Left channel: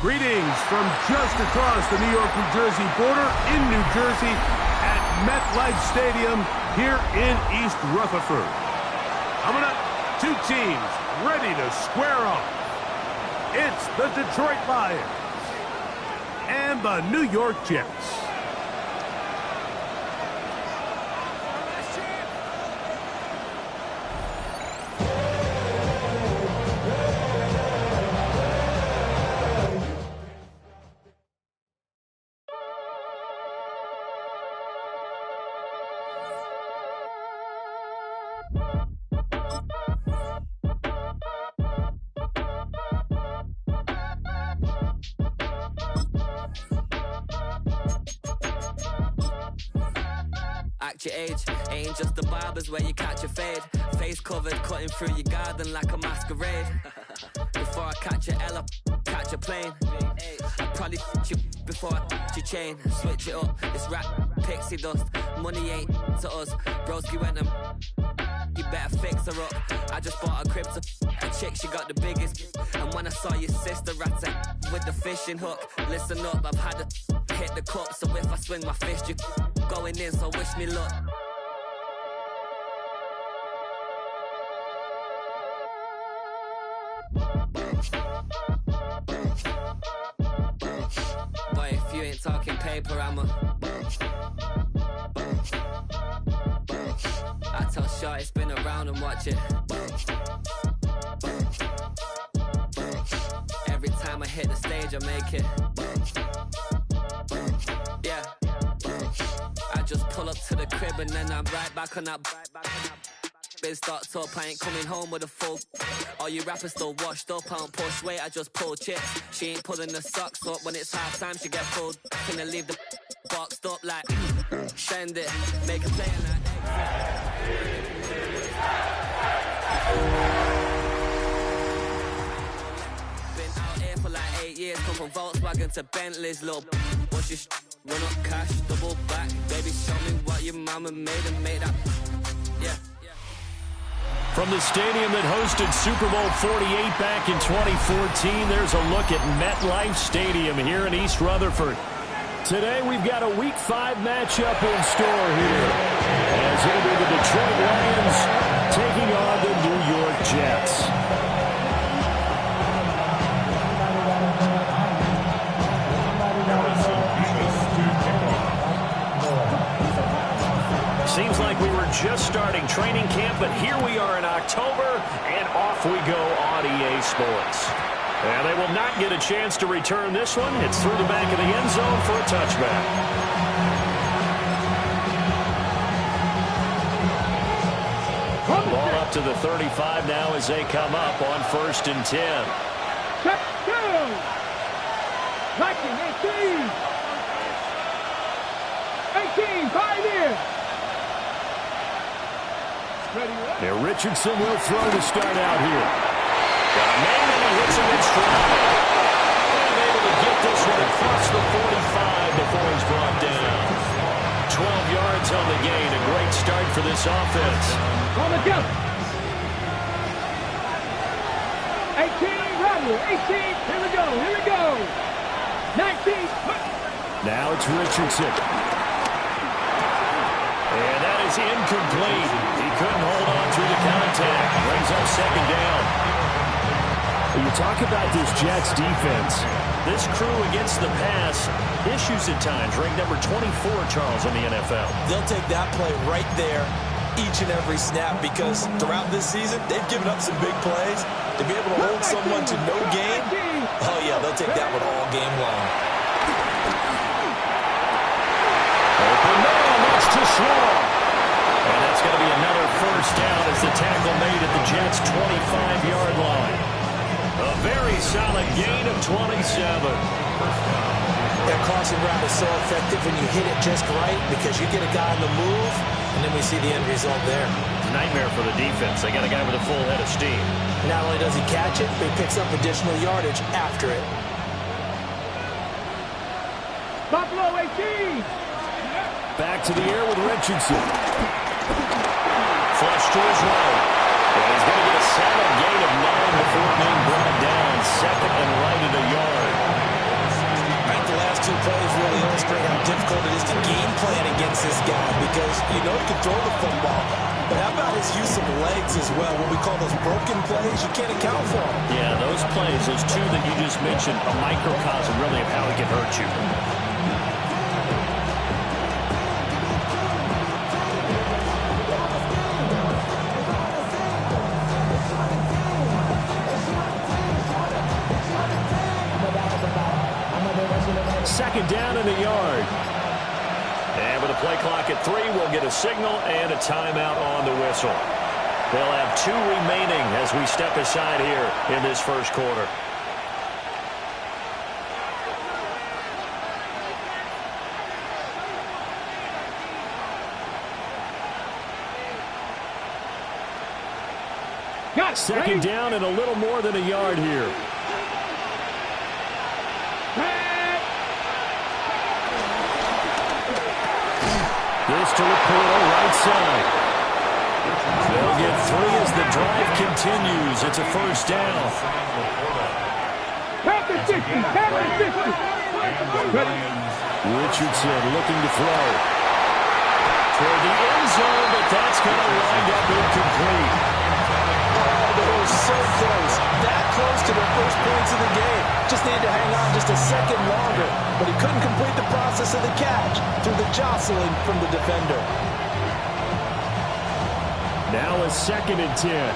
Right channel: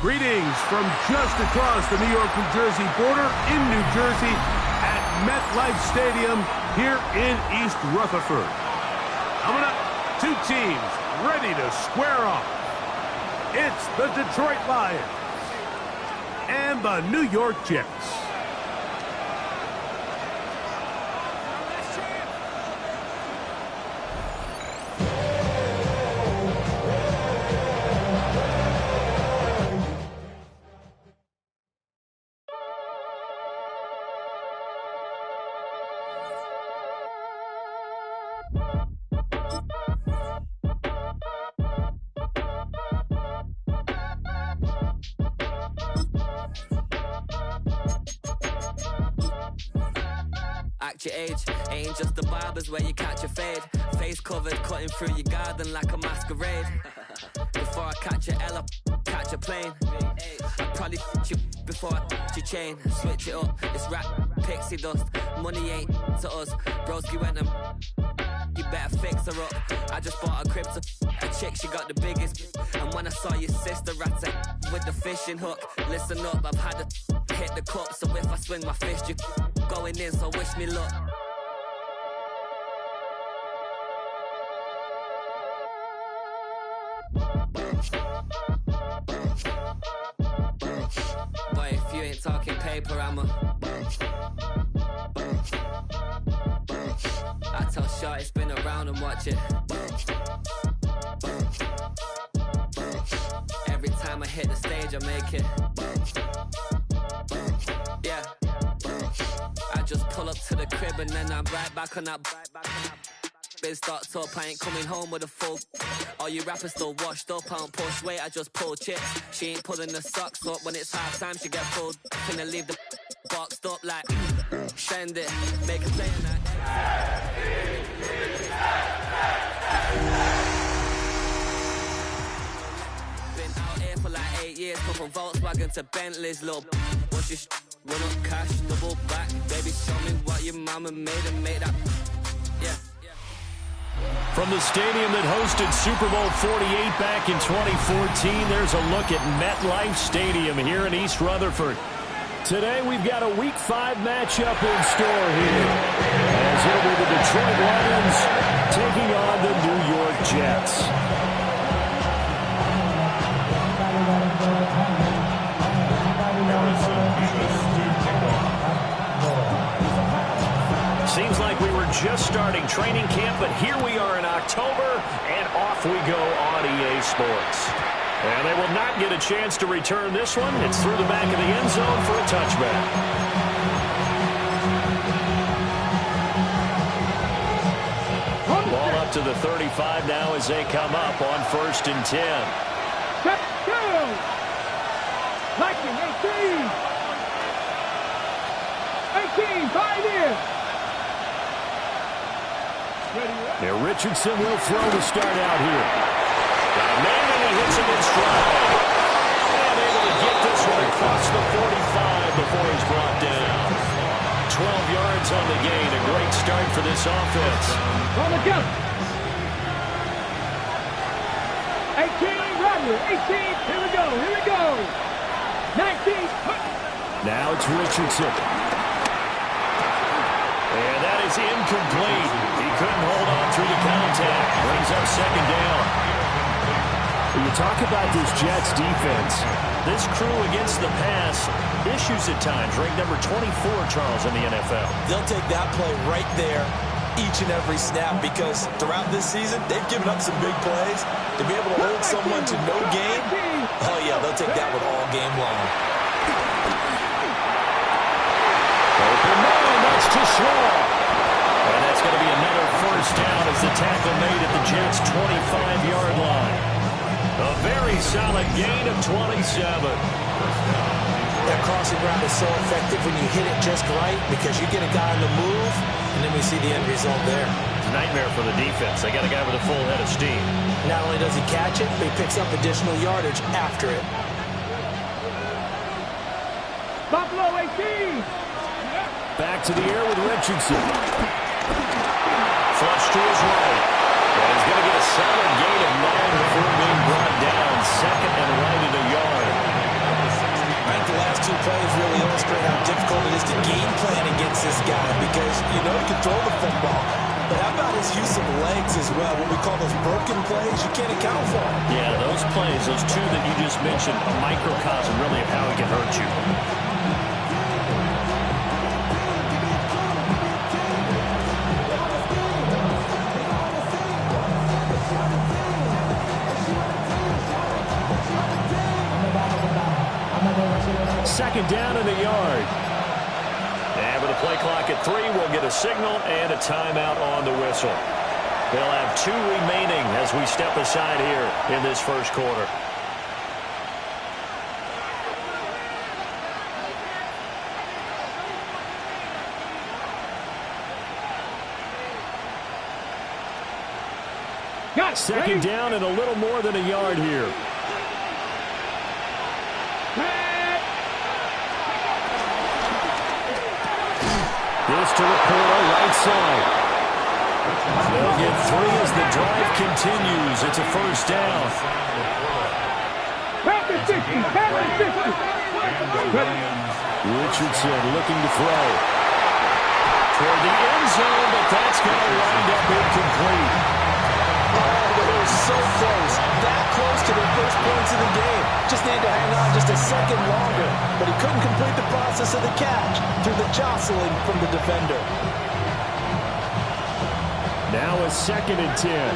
Greetings from just across the New York-New Jersey border in New Jersey at MetLife Stadium here in East Rutherford. Coming up, two teams ready to square off. It's the Detroit Lions and the New York Jets. Act your age, ain't just the barbers where you catch a fade. Face covered, cutting through your garden like a masquerade. Before I catch a L, I catch a plane. I'd probably you before I your chain. Switch it up, it's rap, pixie dust. Money ain't to us. Broski went and you better fix her up. I just bought a crib to a chick, she got the biggest. And when I saw your sister at it with the fishing hook, listen up, I've had to hit the cup. So if I swing my fist, you going in, so wish me luck. Boy, if you ain't talking paper, I'm a I tell Shorty spin around and watch it. Every time I hit the stage, I make it. Yeah. I just pull up to the crib and then I'm right back on that. Biz starts up, I ain't coming home with a full. All you rappers still washed up, I don't push weight, I just pull chips. She ain't pulling the socks up when it's half time, she get full. Finna leave the boxed up like send it, make a play on that exit. Been out here for like 8 years, come from Volkswagen to Bentleys, little. What's your run up cash, double back, baby, show me what your mama made and make that. Yeah. From the stadium that hosted Super Bowl 48 back in 2014, there's a look at MetLife Stadium here in East Rutherford. Today we've got a Week 5 matchup in store here, as it'll be the Detroit Lions taking on the New York Jets. Seems like we were just starting training camp, but here we are in October, and off we go on EA Sports. And they will not get a chance to return this one. It's through the back of the end zone for a touchback. Ball up to the 35 now as they come up on 1st and 10. Check down. Blocking 18. 18, pioneer. Now Richardson will throw to start out here. Got a man and he hits him in stride. And able to get this one across the 45 before he's brought down. 12 yards on the gain. A great start for this offense. On the jump. 18, Rodney. 18, here we go. 19. Now it's Richardson. And that is incomplete. He couldn't hold on through the contact. Brings up 2nd down. When you talk about this Jets defense, this crew against the pass, issues at times. Ranked number 24, Charles, in the NFL. They'll take that play right there each and every snap because throughout this season, they've given up some big plays. To be able to hold someone to no gain, oh yeah, they'll take that one all game long. Open man, that's too slow. And that's going to be another 1st down as the tackle made at the Jets' 25-yard line. A very solid gain of 27. That crossing route is so effective when you hit it just right because you get a guy on the move, and then we see the end result there. It's a nightmare for the defense. They got a guy with a full head of steam. Not only does he catch it, but he picks up additional yardage after it. Buffalo 18. Back to the air with Richardson. Flush to his right. And he's going to get a solid gain of 9 before being brought down. 2nd and right at a yard. think the last two plays really illustrate how difficult it is to game plan against this guy because you know he can throw the football. But how about his use of legs as well? What we call those broken plays, you can't account for them. Yeah, those plays, those two that you just mentioned, a microcosm really of how he can hurt you. Second down in the yard. And with a play clock at 3, we'll get a signal and a timeout on the whistle. They'll have 2 remaining as we step aside here in this first quarter. Second down and a little more than a yard here. This to Laporta, right side. They'll get 3 as the drive continues. It's a first down. Richardson looking to throw. Toward the end zone, but that's going to wind up incomplete. Oh, they were so close. That close to their first points of the game. Just needed to hang on just a second longer. But he couldn't complete the process of the catch through the jostling from the defender. Now a 2nd and 10.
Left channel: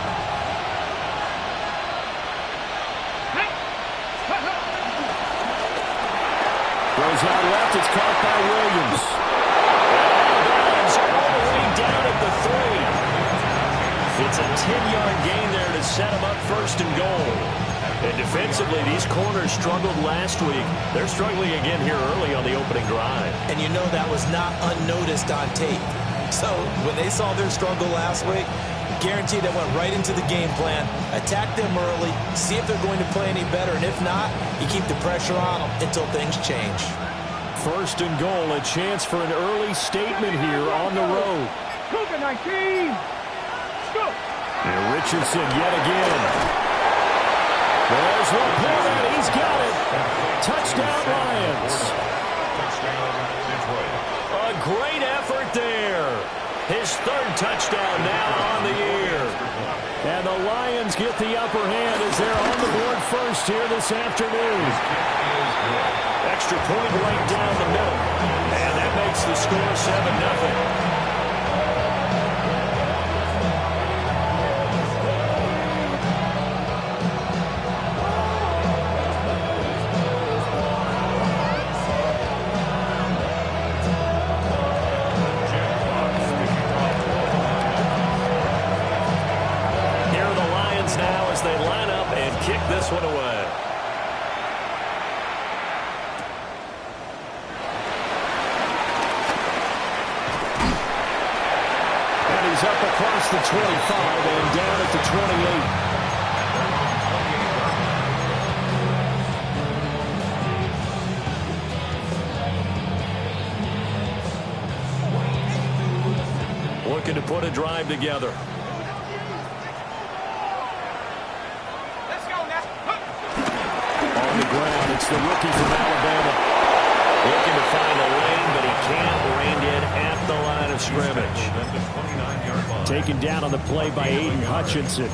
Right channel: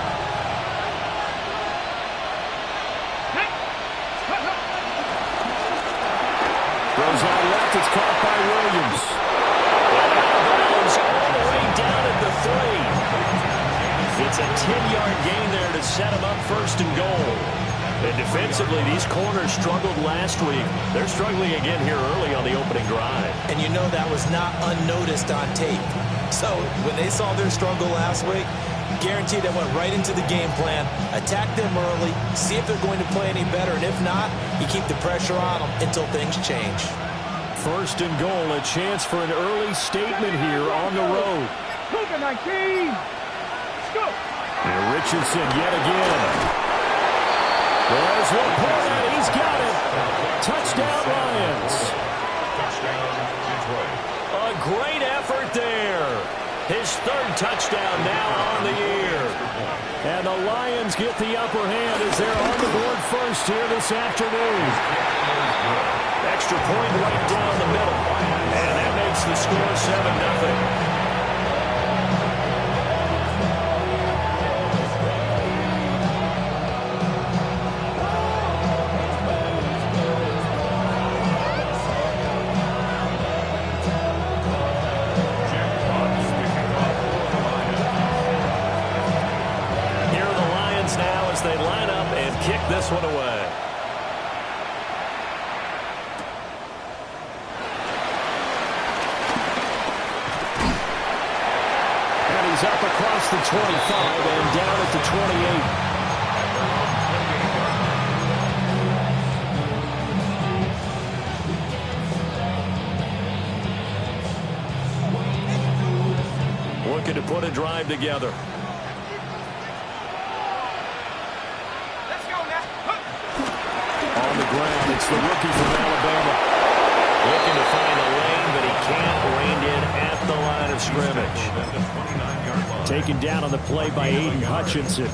Throws out left. It's caught by Williams. And out of bounds all the way down at the 3. It's a 10-yard gain there to set him up first and goal. And defensively, these corners struggled last week. They're struggling again here early on the opening drive. And you know that was not unnoticed on tape. So when they saw their struggle last week, guaranteed they went right into the game plan, attack them early, see if they're going to play any better. And if not, you keep the pressure on them until things change. First and goal, a chance for an early statement here on the road. Cougar 19. And Richardson yet again. There's Laporta. He's got it. Touchdown, Lions. A great effort there. His 3rd touchdown now on the year. And the Lions get the upper hand as they're on the board first here this afternoon. Extra point right down the middle. And that makes the score 7-0. Now as they line up and kick this one away. And he's up across the 25 and down at the 28. Looking to put a drive together. On the ground, it's the rookie from Alabama. Looking to find a lane, but he can't. Reined in at the line of scrimmage. Taken down on the play by Aiden Hutchinson.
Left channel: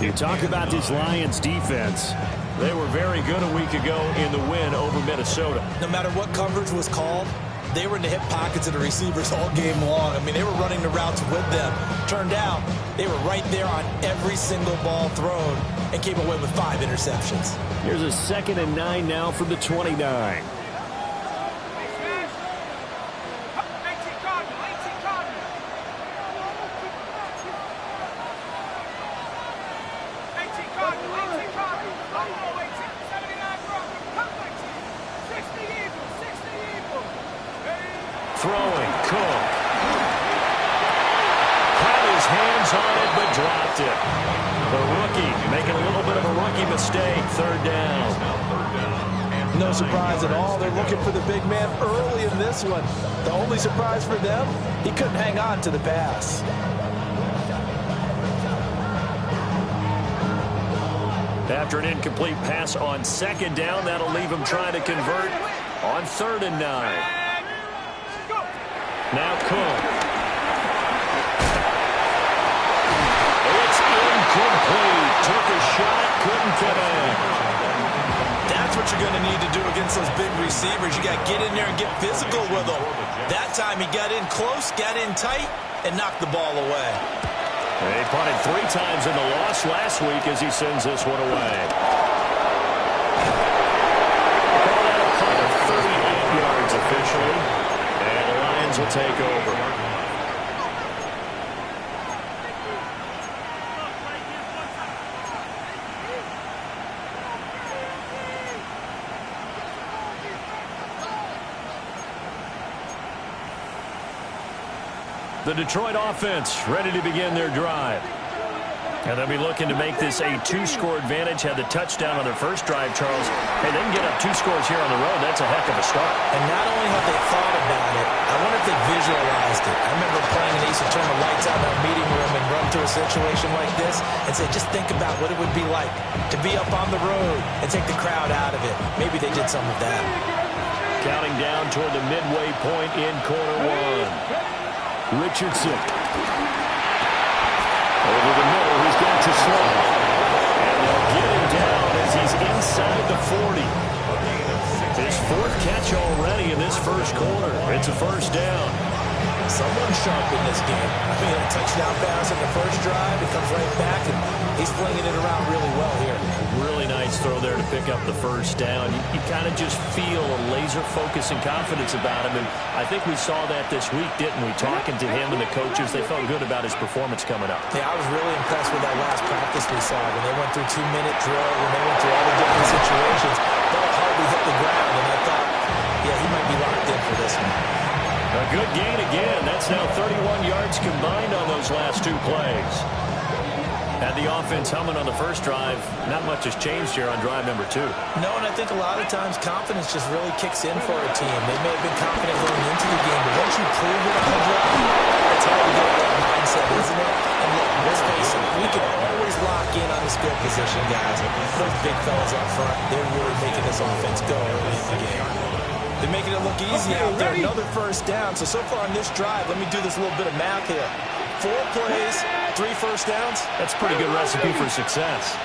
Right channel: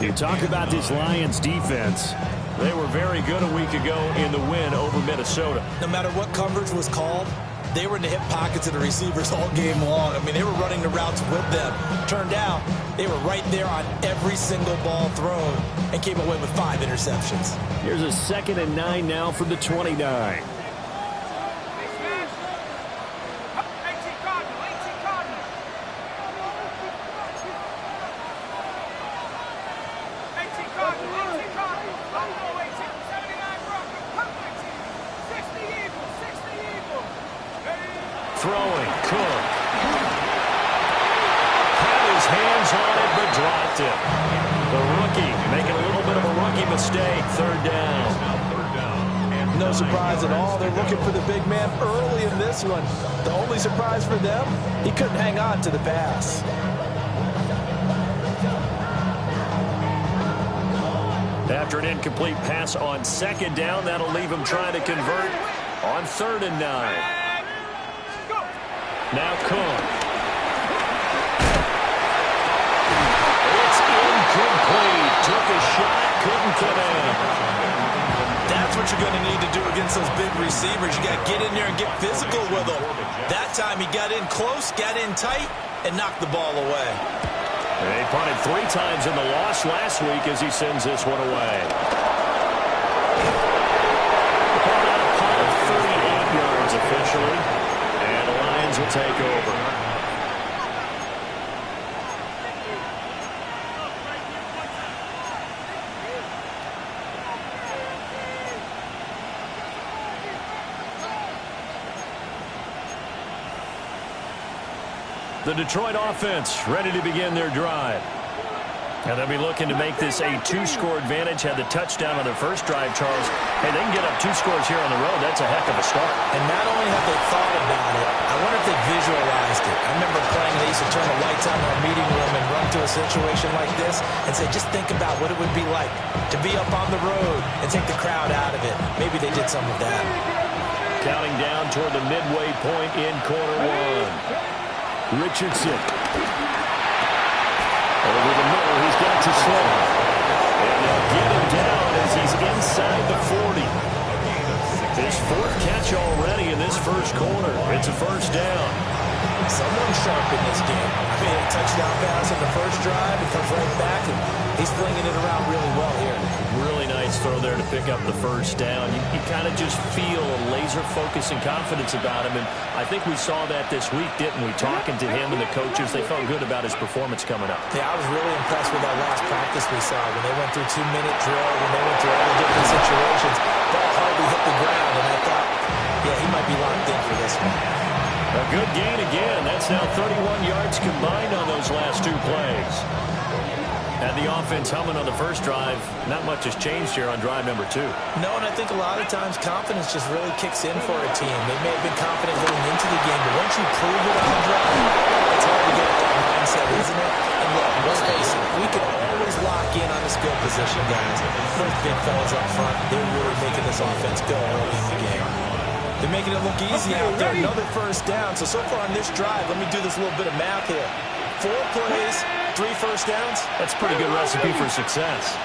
You talk about this Lions defense. They were very good a week ago in the win over Minnesota. No matter what coverage was called, they were in the hip pockets of the receivers all game long. I mean, they were running the routes with them. Turned out, they were right there on every single ball thrown and came away with 5 interceptions. Here's a 2nd and 9 now from the 29. Throwing, Cook. Had his hands on it, but dropped it. The rookie making a little bit of a rookie mistake. 3rd down. No surprise at all. They're looking for the big man early in this one. The only surprise for them, he couldn't hang on to the pass. After an incomplete pass on 2nd down, that'll leave him trying to convert On 3rd and 9. Now Cook. It's incomplete. Took a shot, couldn't connect. That's what you're going to need to do against those big receivers. You got to get in there and get physical with them. That time he got in close, got in tight, and knocked the ball away. He punted 3 times in the loss last week as he sends this one away. Call that a punt of 38 yards officially. And the Lions will take over. The Detroit offense ready to begin their drive. And they'll be looking to make this a 2-score advantage. Had the touchdown on their first drive, Charles. Hey, they can get up 2 scores here on the road. That's a heck of a start. And not only have they thought about it, I wonder if they visualized it. I remember playing and they used to turn the lights out in our meeting room and run through a situation like this and say, just think about what it would be like to be up on the road and take the crowd out of it. Maybe they did some of that. Counting down toward the midway point in quarter 1. Richardson. Over the middle, he's got to slow. And they'll get him down as he's inside the 40. His 4th catch already in this first quarter. It's a first down. Someone's sharp in this game. I mean, a touchdown pass on the first drive. It comes right back, and he's flinging it around really well here. Really nice throw there to pick up the first down. You kind of just feel a laser focus and confidence about him, and I think we saw that this week, didn't we? Talking to him and the coaches, they felt good about his performance coming up. Yeah, I was really impressed with that last practice we saw when they went through 2-minute drill, when they went through all the different situations. Ball hardly hit the ground, and I thought, yeah, he might be locked in for this one. A good gain again. That's now 31 yards combined on those last 2 plays. Had the offense humming on the first drive. Not much has changed here on drive number 2. No, and I think a lot of times confidence just really kicks in for a team. They may have been confident going into the game, but once you prove it on a drive, it's hard to get that mindset, isn't it? And look, let's face it, we can always lock in on the skill position, guys. Those big fellas up front, they're really making this offense go early in the game. They're making it look easy out there. Another first down. So far on this drive, let me do this little bit of math here. 4 plays, 3 first downs. That's a pretty good recipe for success.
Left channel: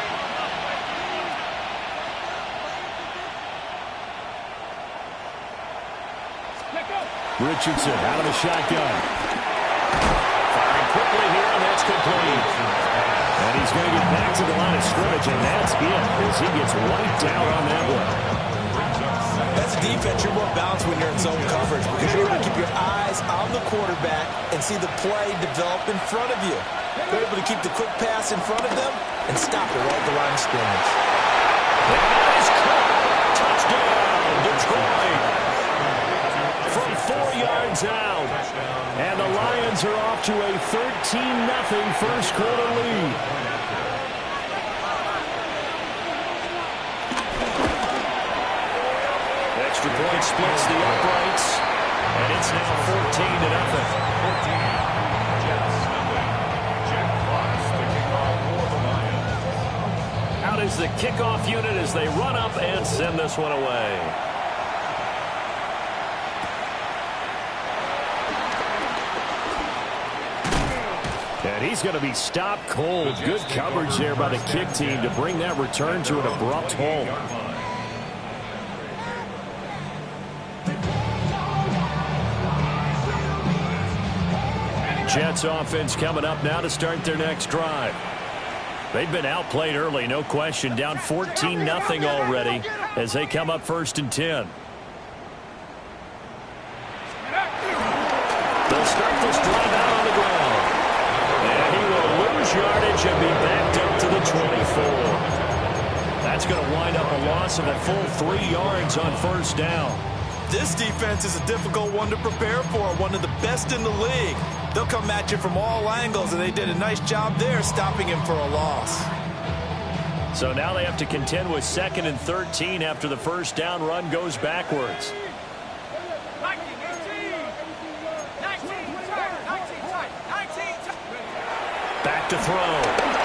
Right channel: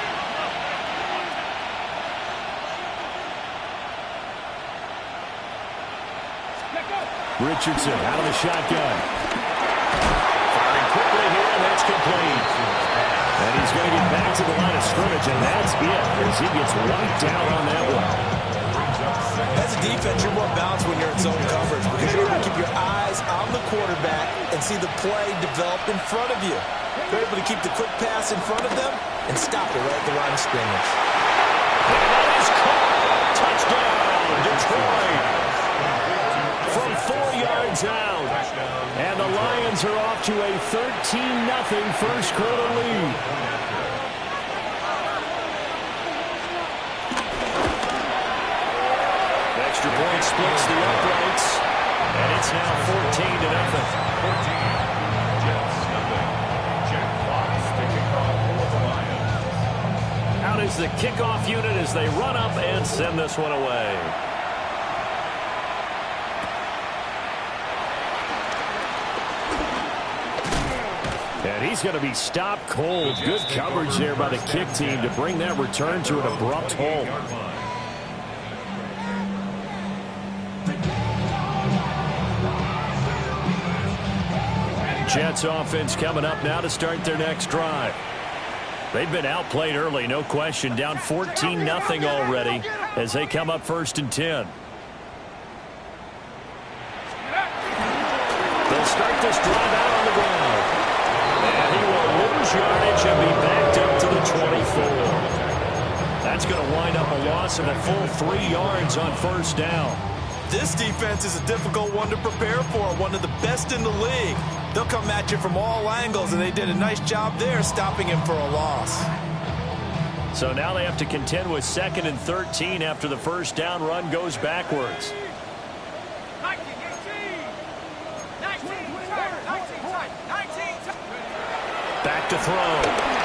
Richardson out of the shotgun. Firing quickly here, and that's complete. And he's going to get back to the line of scrimmage, and that's it as he gets wiped out on that one. As a defense, you're more balanced when you're in zone coverage because you're able to keep your eyes on the quarterback and see the play develop in front of you. You're able to keep the quick pass in front of them and stop it right at the line of scrimmage. And that is caught. Touchdown, Detroit. From 4 yards out. And the Lions are off to a 13-0 first quarter lead. Extra point splits the uprights, and it's now 14-0. 14, Jets, nothing. Jack Fox to kick off for the Lions. Out is the kickoff unit as they run up and send this one away. And he's going to be stopped cold. Good coverage there by the kick team to bring that return to an abrupt halt. Jets offense coming up now to start their next drive. They've been outplayed early, no question. Down 14-0 already as they come up 1st and 10. They'll start this drive out on the ground. And he will lose yardage and be backed up to the 24. That's going to wind up a loss of a full 3 yards on 1st down. This defense is a difficult one to prepare for, one of the best in the league. They'll come at you from all angles, and they did a nice job there stopping him for a loss. So now they have to contend with 2nd and 13 after the first down run goes backwards. Back to throw.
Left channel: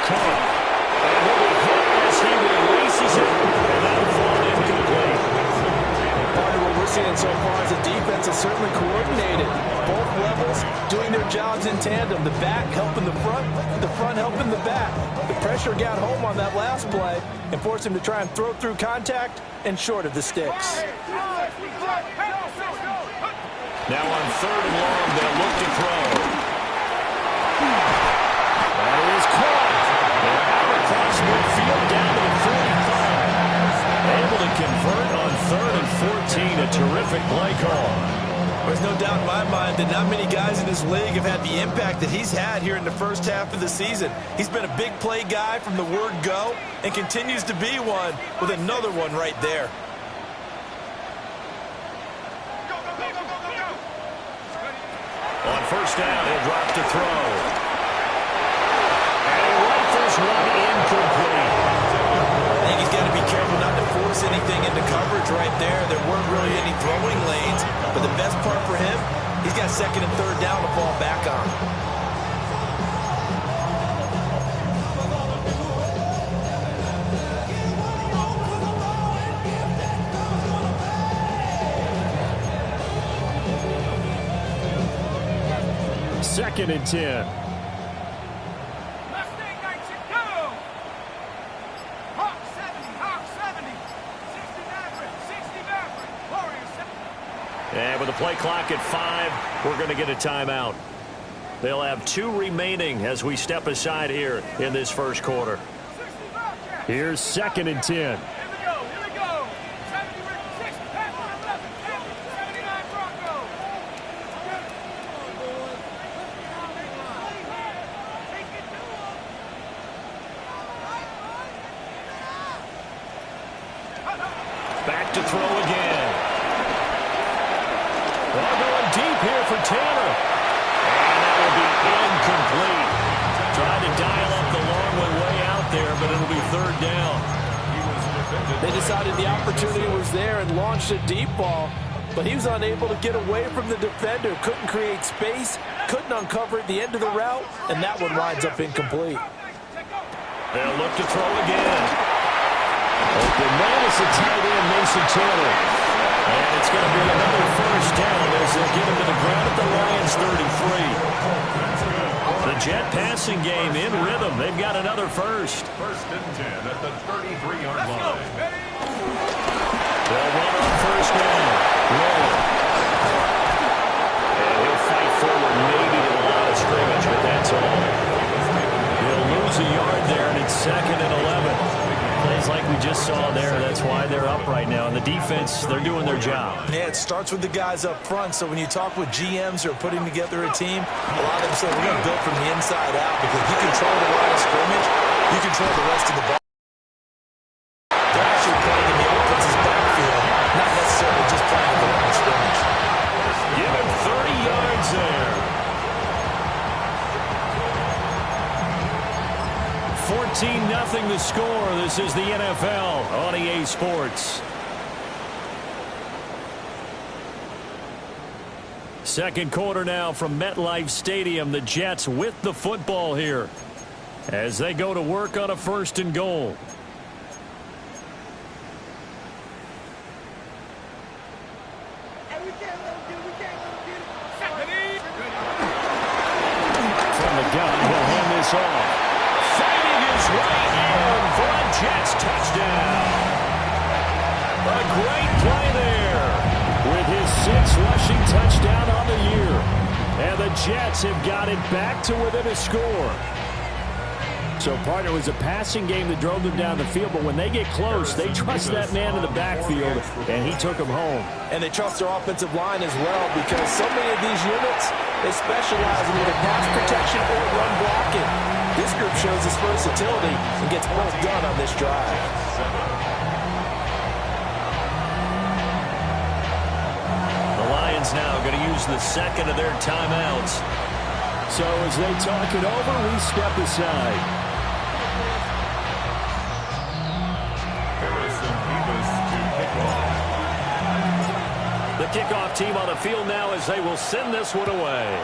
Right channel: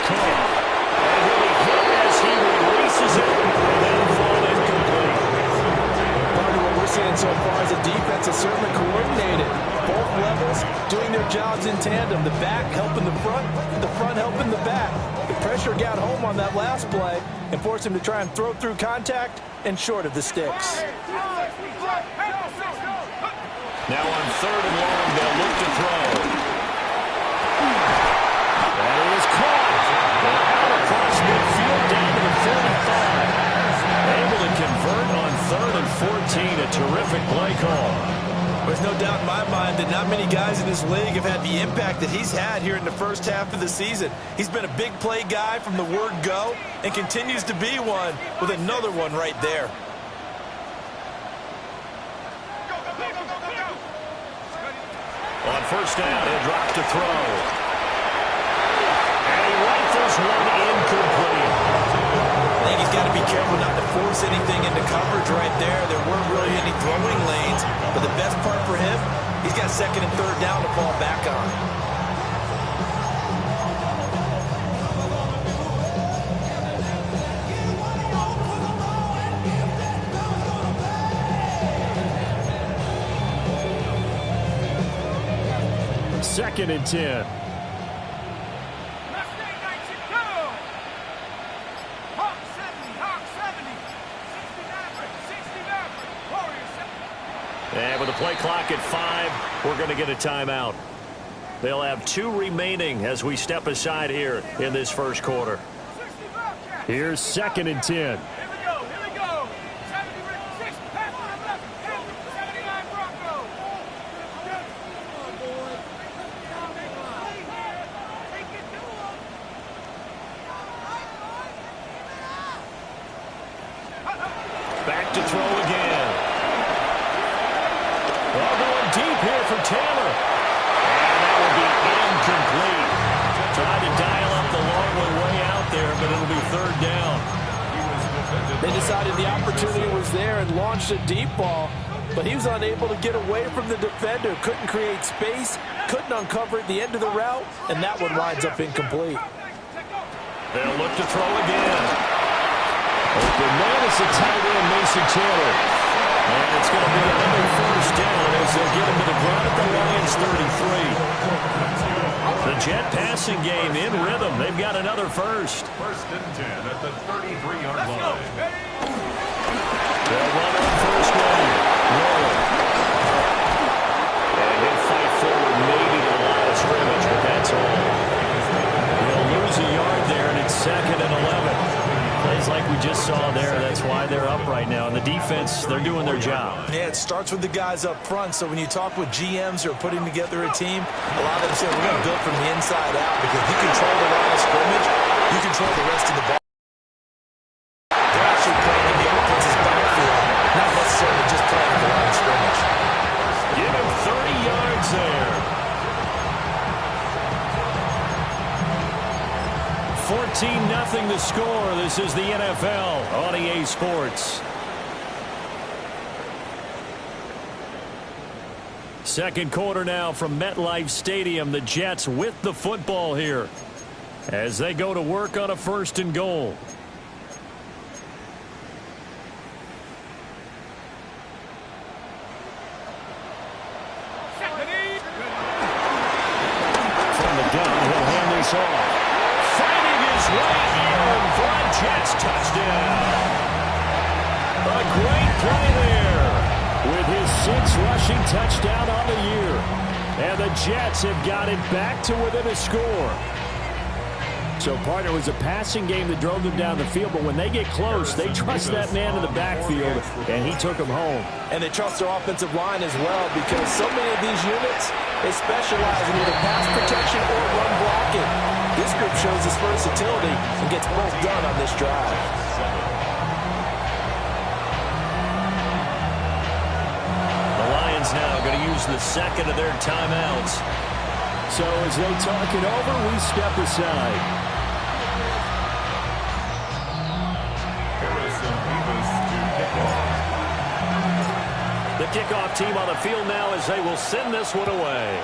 Cook. And he'll be hit as he releases it, and that'll fall incomplete. Partner, what we're seeing so far is the defense is certainly coordinated. Both levels doing their jobs in tandem. The back helping the front helping the back. The pressure got home on that last play and forced him to try and throw through contact and short of the sticks. Now on 3rd and long, they'll look to throw. That is caught. And out across midfield down to the 45. Able to convert on 3rd and 14. A terrific play call. There's no doubt in my mind that not many guys in this league have had the impact that he's had here in the first half of the season. He's been a big play guy from the word go and continues to be one with another one right there. On 1st down, he'll drop to throw. And he rifles one incomplete. I think he's got to be careful not to force anything into coverage right there. There weren't really any throwing lanes, but the best part for him, he's got 2nd and 3rd down to fall back on. Second and 10. And with the play clock at 5, we're going to get a timeout. They'll have 2 remaining as we step aside here in this first quarter. Here's 2nd and 10. Back to throw again. Well, going deep here for Taylor. And that will be incomplete. Tried to dial up the long way out there, but it'll be 3rd down. They decided the opportunity was there and launched a deep ball, but he was unable to get away from the defender. Couldn't create space, couldn't uncover at the end of the route, and that one winds up incomplete. They'll look to throw again. Open man is the tight end, Mason Taylor. And it's going to be another 1st down as they'll get him to the ground at the Lions 33. The Jet passing game in rhythm. They've got another 1st. 1st and 10 at the 33-yard line. They'll run on 1st down. Roll. And he'll fight forward maybe to the line of scrimmage, but that's all. He'll lose a yard there, and it's 2nd and 11. Plays like we just saw there. That's why they're up right now. And the defense, they're doing their job. Yeah, it starts with the guys up front. So when you talk with GMs who are putting together a team, a lot of them say we're going to build from the inside out because you control the line of scrimmage, you control the rest of the ball. They're actually playing in the offense's backfield, not necessarily just playing at the line of scrimmage. Give him 30 yards there. 14-0 the score. This is the NFL on EA Sports. Second quarter now from MetLife Stadium. The Jets with the football here as they go to work on a 1st and goal. From the gun, he'll hand this off. Fighting his way in for a Jets touchdown. A great play there with his 6th rushing touchdown on the year. And the Jets have got it back to within a score. So, partner, it was a passing game that drove them down the field, but when they get close, they trust that man in the backfield, and he took them home. And they trust their offensive line as well because so many of these units, they specialize in either pass protection or run blocking. This group shows its versatility and gets both done on this drive. The Lions now going to use the 2nd of their timeouts. So as they talk it over, we step aside. The kickoff team on the field now as they will send this one away.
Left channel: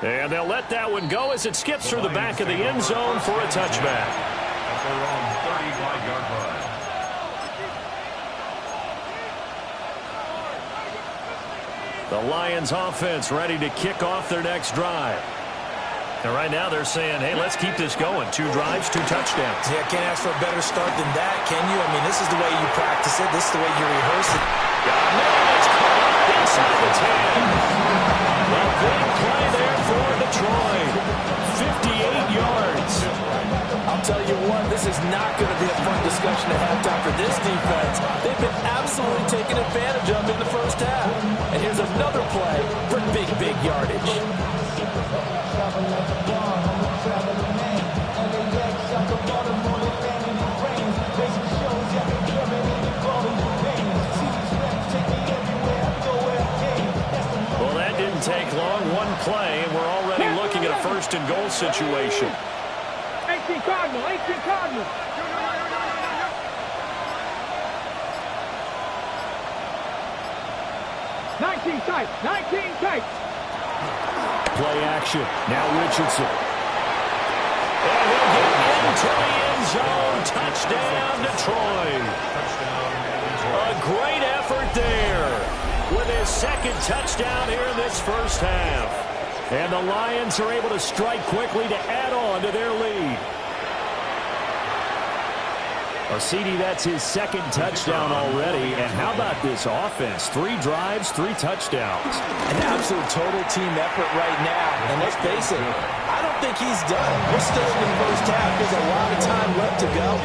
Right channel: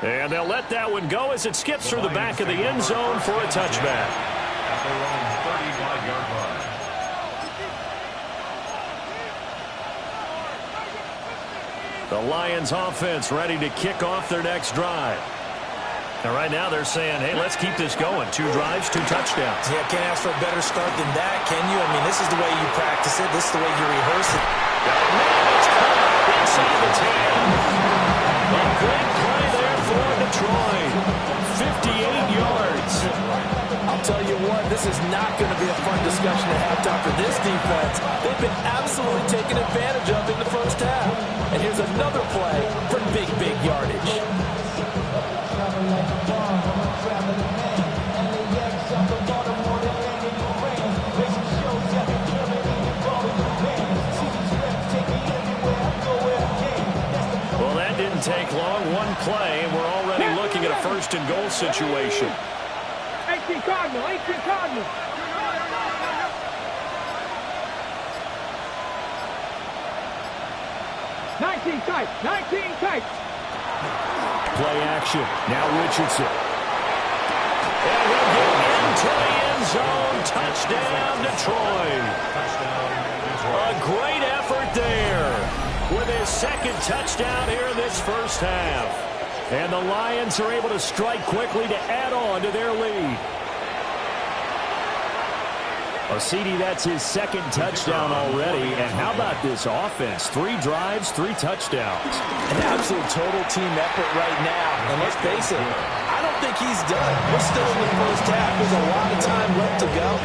And they'll let that one go as it skips through the back of the end zone for a touchback. At their own 35-yard line. The Lions offense ready to kick off their next drive. And right now they're saying, hey, let's keep this going. 2 drives, 2 touchdowns. Yeah, can't ask for a better start than that, can you? I mean, this is the way you practice it. This is the way you rehearse it. Got a man, it's caught inside the 10. A big play there for Detroit. 58 yards. I'll tell you what, this is not going to be a fun discussion at halftime for this defense. They've been absolutely taken advantage of in the first half. And here's another play for big, big yardage. Well, that didn't take long. 1 play, and we're already looking at a 1st and goal situation. 18 Cardinal, 18 Cardinal. Nineteen tight, 19 tight. Play action. Now Richardson. And he'll get into the end zone. Touchdown, Detroit. A great effort there with his 2nd touchdown here in this first half. And the Lions are able to strike quickly to add on to their lead. Well, CD, that's his 2nd touchdown already. And how about this offense? 3 drives, 3 touchdowns. An absolute total team effort right now. And let's face it, I don't think he's done. We're still in the first half. There's a lot of time left to go.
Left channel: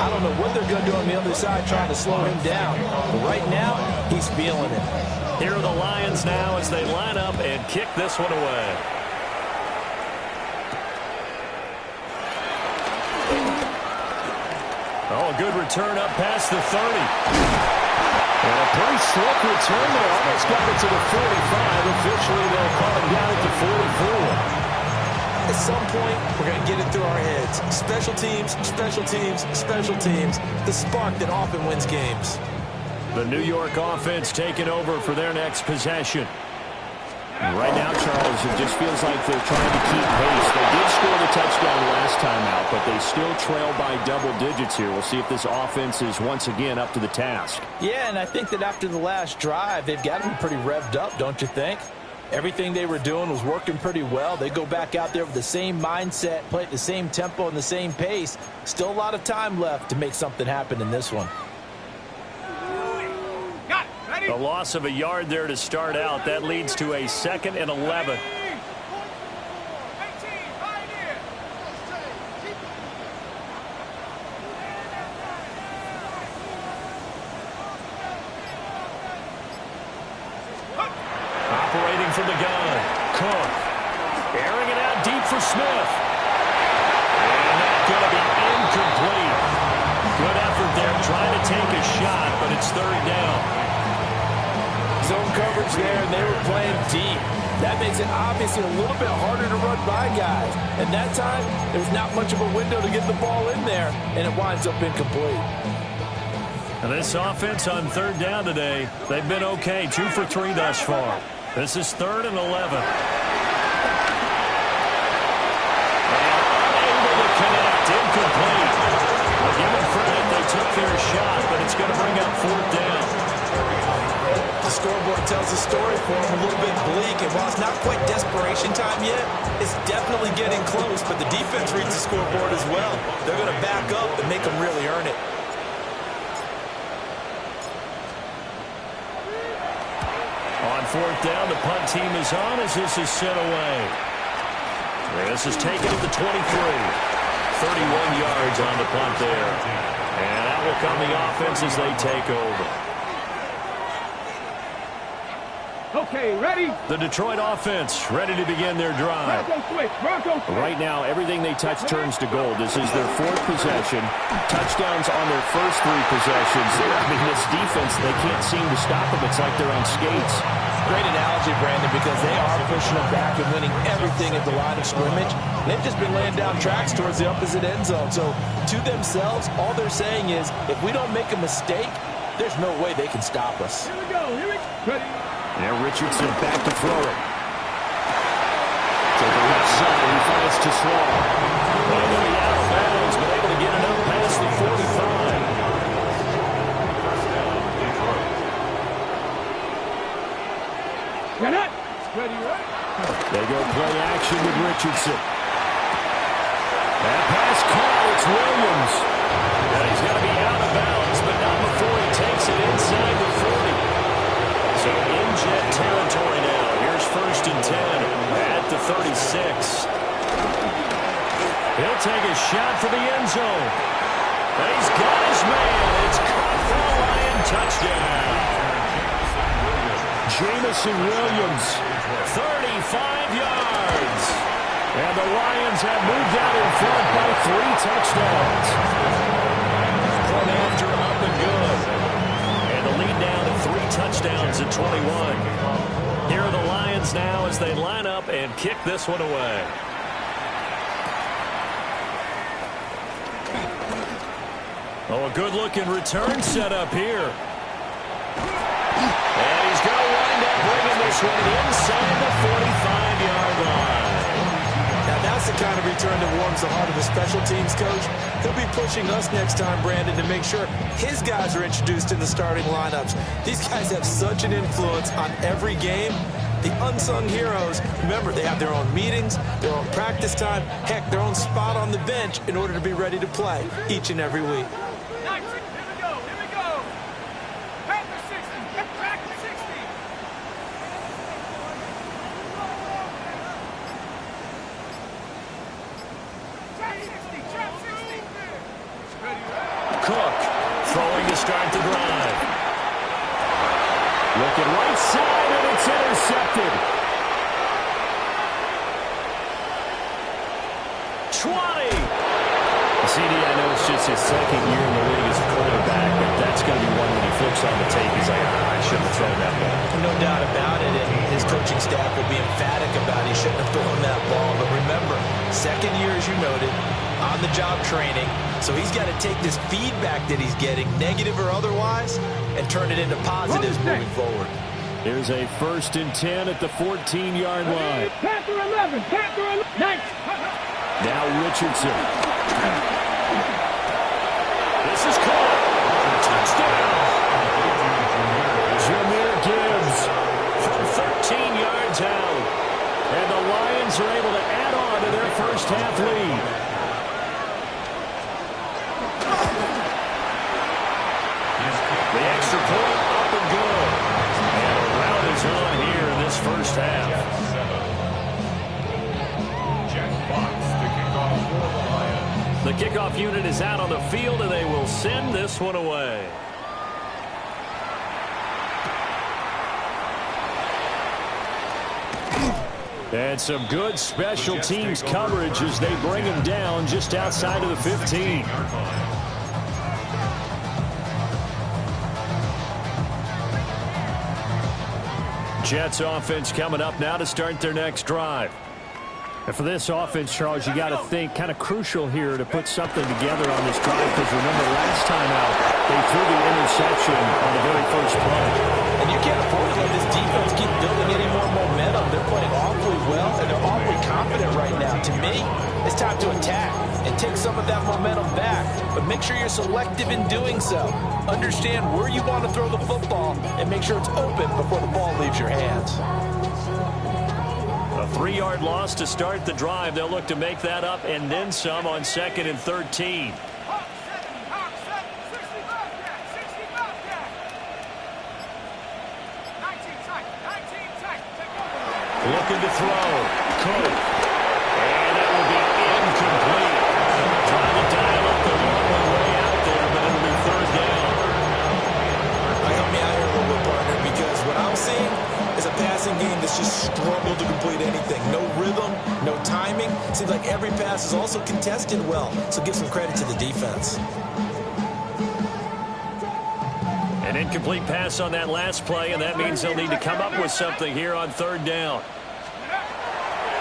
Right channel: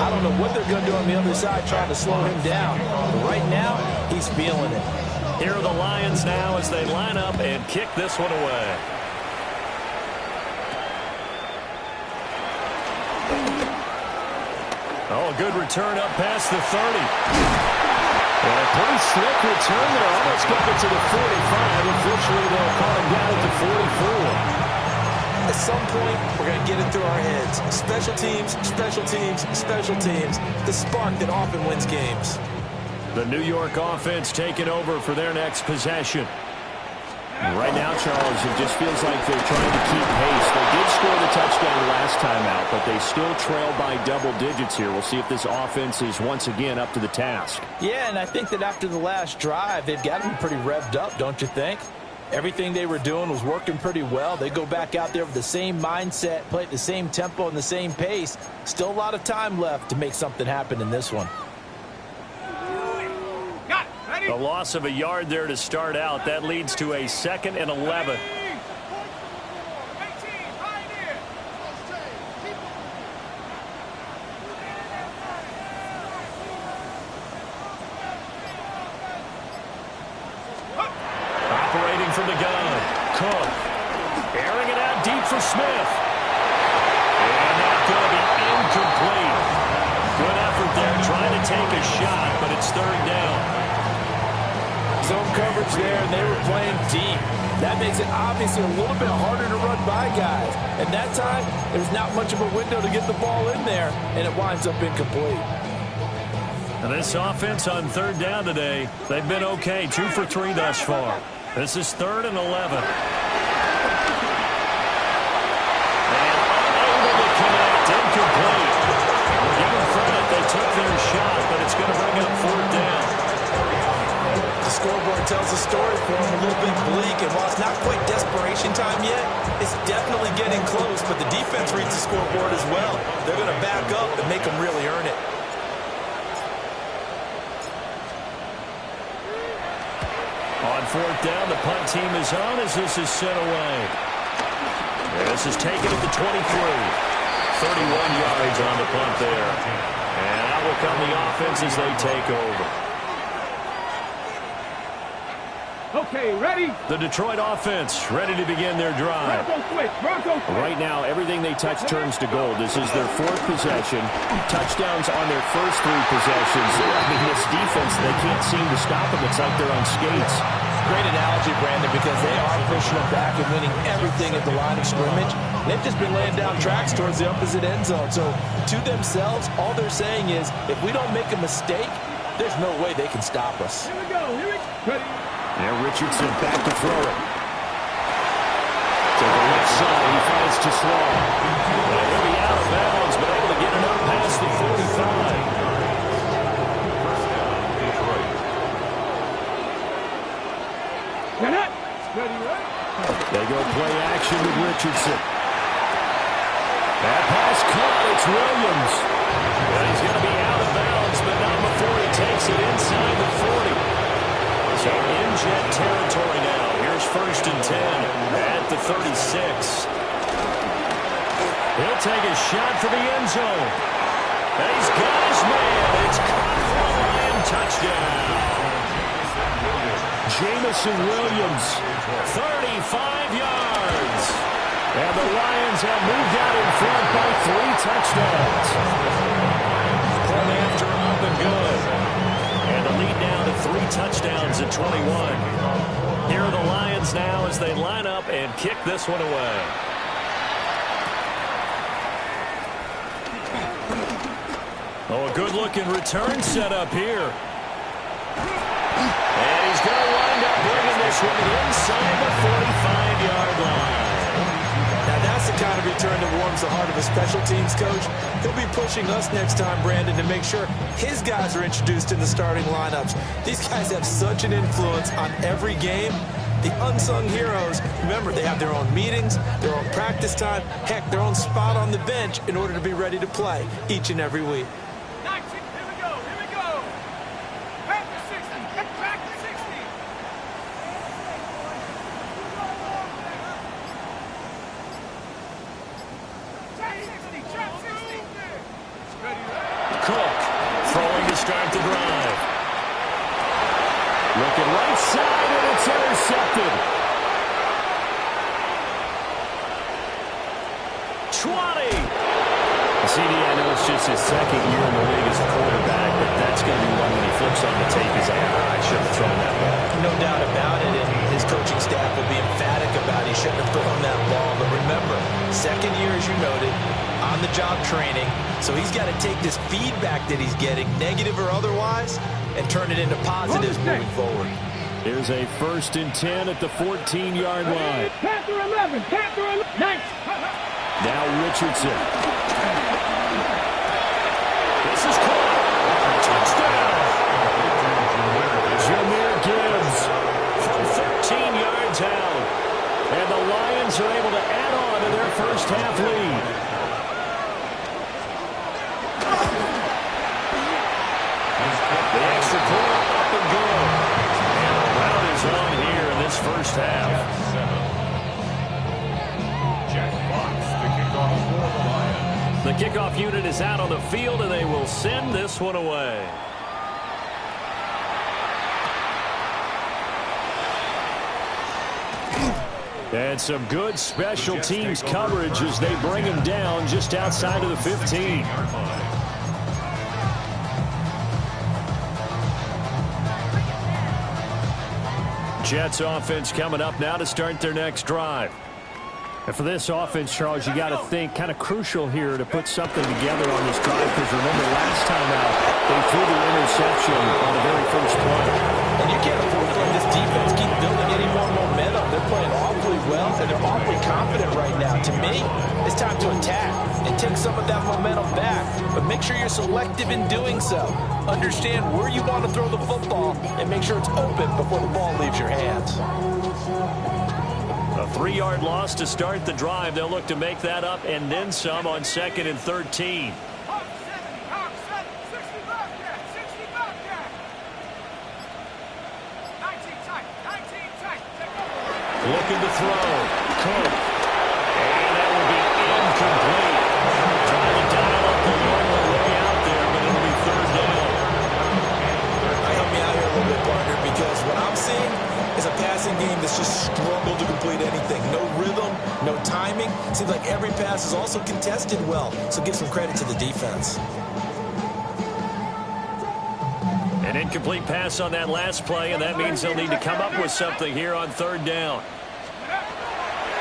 I don't know what they're going to do on the other side trying to slow him down. But right now, he's feeling it. Here are the Lions now as they line up and kick this one away. Oh, a good return up past the 30. And a pretty slick return there. Almost got it to the 45. Officially, they'll call him down at the 44. At some point, we're going to get it through our heads. Special teams, special teams, special teams. The spark that often wins games. The New York offense taking over for their next possession. And right now, Charles, it just feels like they're trying to keep pace. They did score the touchdown last time out, but they still trail by double digits here. We'll see if this offense is once again up to the task. Yeah, and I think that after the last drive, they've got to be pretty revved up, don't you think? Everything they were doing was working pretty well. They go back out there with the same mindset, play at the same tempo and the same pace. Still a lot of time left to make something happen in this one. A loss of a yard there to start out. That leads to a 2nd and 11. Operating from the gun. Cook. Airing it out deep for Smith. And that's going to be incomplete. Good effort there trying to take a shot, but it's 3rd down. Zone coverage there, and they were playing deep. That makes it obviously a little bit harder to run by guys. And that time, there's not much of a window to get the ball in there, and it winds up incomplete. And this offense on 3rd down today, they've been okay. 2 for 3 thus far. This is 3rd and 11. And unable to connect. Incomplete. We'll give them credit. They took their shot, but it's going to bring up 4th down. The scoreboard tells the story for them, a little bit bleak, and while it's not quite desperation time yet, it's definitely getting close, but the defense reads the scoreboard as well. They're going to back up and make them really earn it. On 4th down, the punt team is on as this is sent away. This is taken at the 23. 31 yards on the punt there. And out will come the offense as they take over. Okay, ready? The Detroit offense ready to begin their drive. Bronco switch, Bronco switch. Right now, everything they touch turns to gold. This is their 4th possession. Touchdowns on their first 3 possessions. I mean, this defense, they can't seem to stop them. It's like they're on skates. Great analogy, Brandon, because they are pushing them back and winning everything at the line of scrimmage. They've just been laying down tracks towards the opposite end zone. So, to themselves, all they're saying is, if we don't make a mistake, there's no way they can stop us. Here we go, here we go. Ready? Now Richardson back to throw it. To the left side, he finds to Slaw. And he'll be out of bounds, but able to get it up past the 45. First down, Detroit. Ready, right? They go play action with Richardson. That pass caught. It's Williams. And he's going to be out of bounds, but not before he takes it inside the 40. So in Jet territory now. Here's 1st and 10 at the 36. He'll take a shot for the end zone. And he's got his man. It's caught for a Lion touchdown. Jamison Williams, 35 yards. And the Lions have moved out in front by 3 touchdowns. Point after up and good. And the lead now to 3 touchdowns at 21. Here are the Lions now as they line up and kick this one away. Oh, a good-looking return set up here. And he's going to wind up bringing this one inside the 45-yard line. Now, that's the kind of return that warms the heart of a special teams coach. He'll be pushing us next time, Brandon, to make sure his guys are introduced in the starting lineups. These guys have such an influence on every game. The unsung heroes, remember, they have their own meetings, their own practice time, heck, their own spot on the bench in order to be ready to play each and every week. Cook throwing to start the drive. Looking right side, and it's intercepted. 20. CD, I know it's just his 2nd year in the league as a quarterback, but that's going to be one when he flips on the tape. He's like, I shouldn't have thrown that ball. No doubt about it, and his coaching staff will be emphatic about he shouldn't have thrown that ball. But remember, 2nd year, as you noted, on-the-job training, so he's got to take this feedback that he's getting, negative or otherwise, and turn it into positives moving forward. Here's a 1st and 10 at the 14-yard line. Panther 11, Panther 11. Nice. Now Richardson. This is caught. Touchdown. Jahmyr Gibbs from 13 yards out. And the Lions are able to add on to their first half lead. The extra point up and good. And a rout is on here in this first half. Jack Fox, the kickoff for the Lions. The kickoff unit is out on the field, and they will send this one away. And some good special teams coverage as they bring him down just outside of the 15. Jets offense coming up now to start their next drive. And for this offense, Charles, you got to think kind of crucial here to put something together on this drive, because remember last time out they threw the interception on the very first play. And you can't afford to let this defense keep building any more momentum. They're playing awfully well, and they're awfully confident right now. To me, it's time to attack and take some of that momentum back, but make sure you're selective in doing so. Understand where you want to throw the football and make sure it's open before the ball leaves your hands. A 3-yard loss to start the drive. They'll look to make that up and then some on 2nd and 13. Hawk 70, Hawk 70, 65 cat, 65 cat. 19 tight, take over. Looking to throw. Cook. And that will be incomplete. Trying to dial up the long way out there, but it'll be 3rd down. Help me out here a little bit, partner, because what I'm seeing is a passing game that's just struggled to complete anything. No rhythm, no timing. Seems like every pass is also contested well, so give some credit to the defense. An incomplete pass on that last play, and that means they'll need to come up with something here on 3rd down.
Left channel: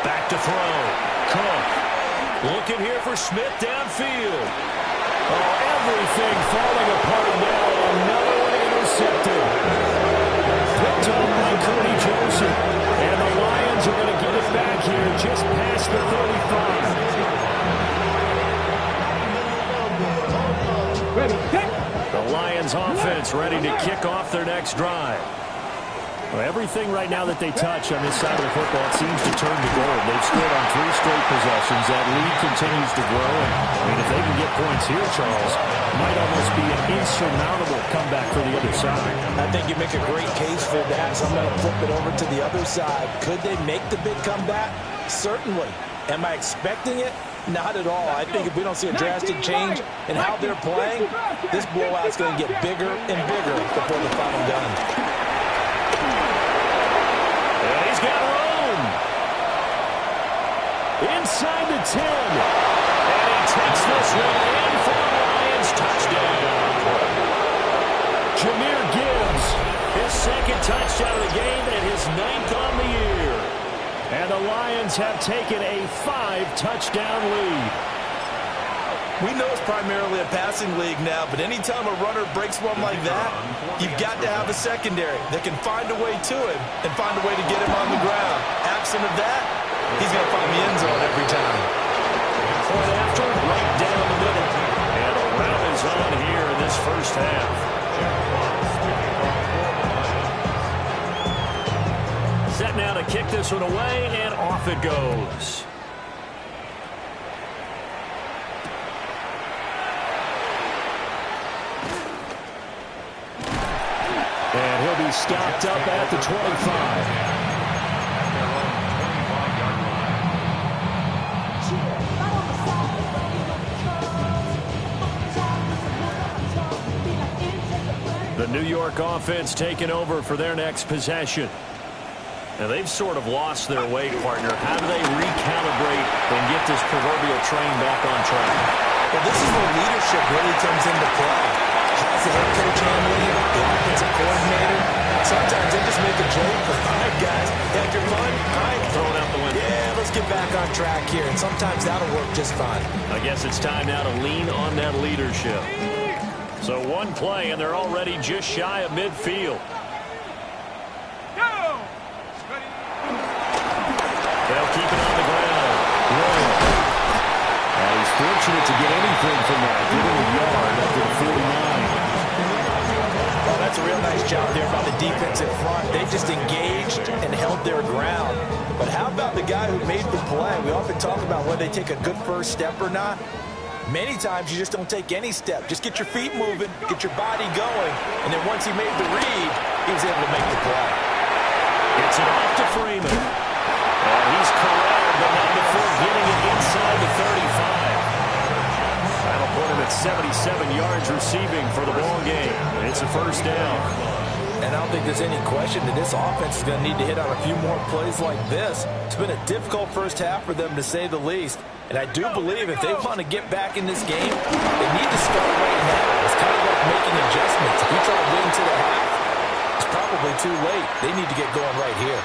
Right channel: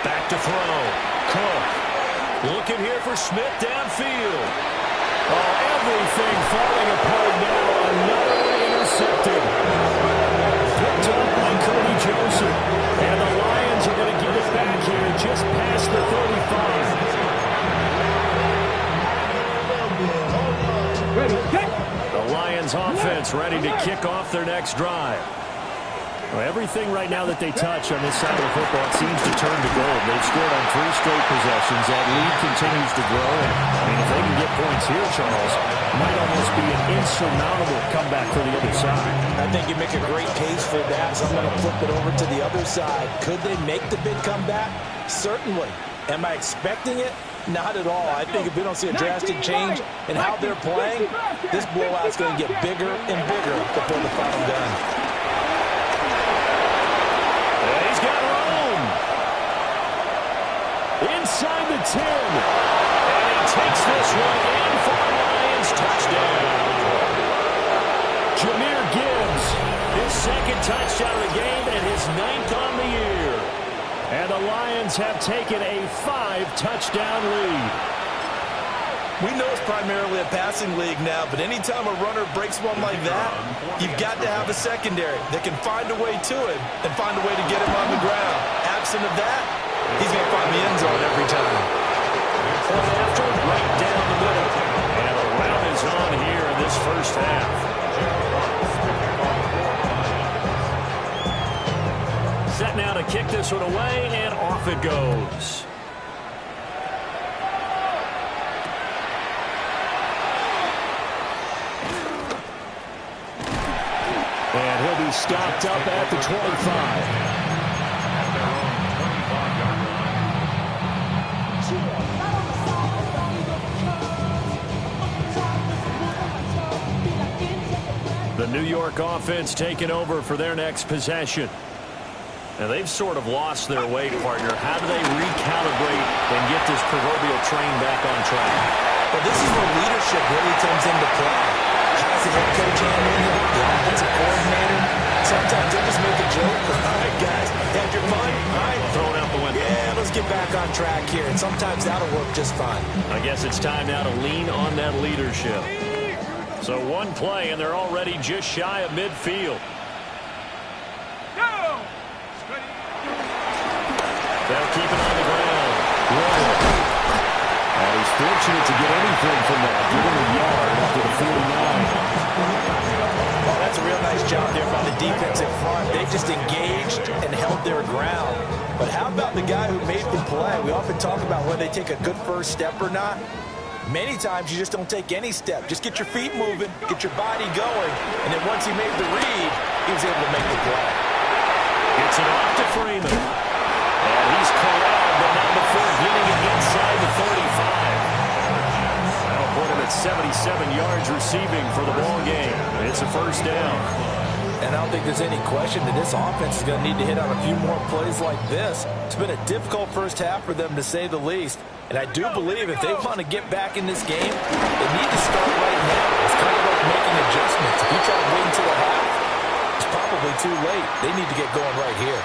Back to throw. Cook. Looking here for Smith downfield. Oh, everything falling apart now. Another one intercepted. Picked up by Cody Joseph. And the Lions are going to get it back here just past the 35. Ready, set. The Lions offense ready to kick off their next drive. Well, everything right now that they touch on this side of the football, it seems to turn to gold. They've scored on 3 straight possessions. That lead continues to grow. And, I mean, if they can get points here, Charles, it might almost be an insurmountable comeback for the other side. I think you make a great case for that, so I'm going to flip it over to the other side. Could they make the big comeback? Certainly. Am I expecting it? Not at all. I think if we don't see a drastic change in how they're playing, this blowout's going to get bigger and bigger before the final gun. And he's got room. Inside the 10. And he takes this one in for the Lions. Touchdown. Jahmyr Gibbs, his second touchdown of the game and his 9th on the year. And the Lions have taken a 5-touchdown lead. We know it's primarily a passing league now, but anytime a runner breaks one like that, you've got to have a secondary that can find a way to him and find a way to get him on the ground. Absent of that, he's going to find the end zone every time. Point after, right down the middle. And a rout is on here in this first half. Set now to kick this one away, and off it goes. And he'll be stopped up at the 25. At their own 25-yard line. The New York offense taking over for their next possession. Now, they've sort of lost their way, partner. How do they recalibrate and get this proverbial train back on track? Well, this is where leadership really comes into play. How's the head coach handling it? The offensive coordinator? Sometimes they just make a joke. All right, guys, had your fun? All right, Throw it out the window. yeah, let's get back on track here. And sometimes that'll work just fine. I guess it's time now to lean on that leadership. So one play, and they're already just shy of midfield. They'll keep it on the ground. Royal. And he's fortunate to get anything from that. Give him a yard up to the 49. Oh, that's a real nice job there by the defense in front. They just engaged and held their ground. But how about the guy who made the play? We often talk about whether they take a good first step or not. Many times you just don't take any step. Just get your feet moving, get your body going, and then once he made the read, he was able to make the play. Gets it off to Freeman. And he's corralled, but not before getting it inside the 35. That'll put him at 77 yards receiving for the ball game. It's a first down. And I don't think there's any question that this offense is going to need to hit on a few more plays like this. It's been a difficult first half for them, to say the least. And I do believe if they want to get back in this game, they need to start right now. It's kind of like making adjustments. If you try to wait until the half, it's probably too late. They need to get going right here.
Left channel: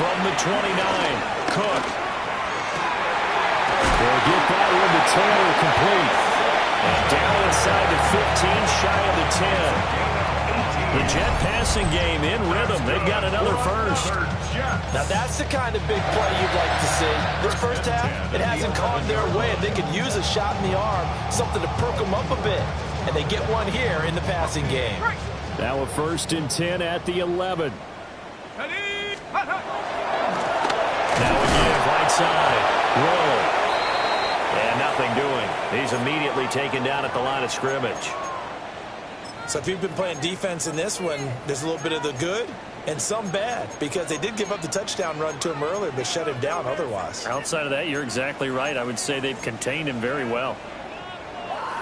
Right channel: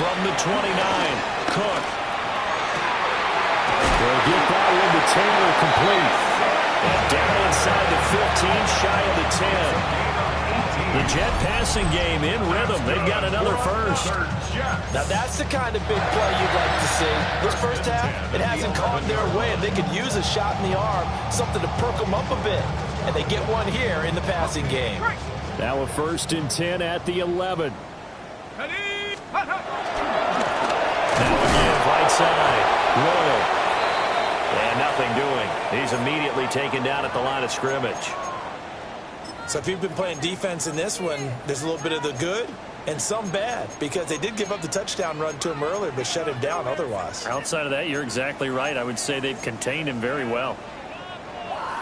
From the 29, Cook. They'll get that one to Taylor complete. And down inside the 15, shy of the 10. The Jet passing game in rhythm. They've got another first. Now that's the kind of big play you'd like to see. This first half, it hasn't gone their way, and they could use a shot in the arm, something to perk them up a bit. And they get one here in the passing game. Now a 1st and 10 at the 11. Now again, right side. Royal. And nothing doing. He's immediately taken down at the line of scrimmage. So if you've been playing defense in this one, there's a little bit of the good and some bad, because they did give up the touchdown run to him earlier but shut him down otherwise. Outside of that, you're exactly right. I would say they've contained him very well.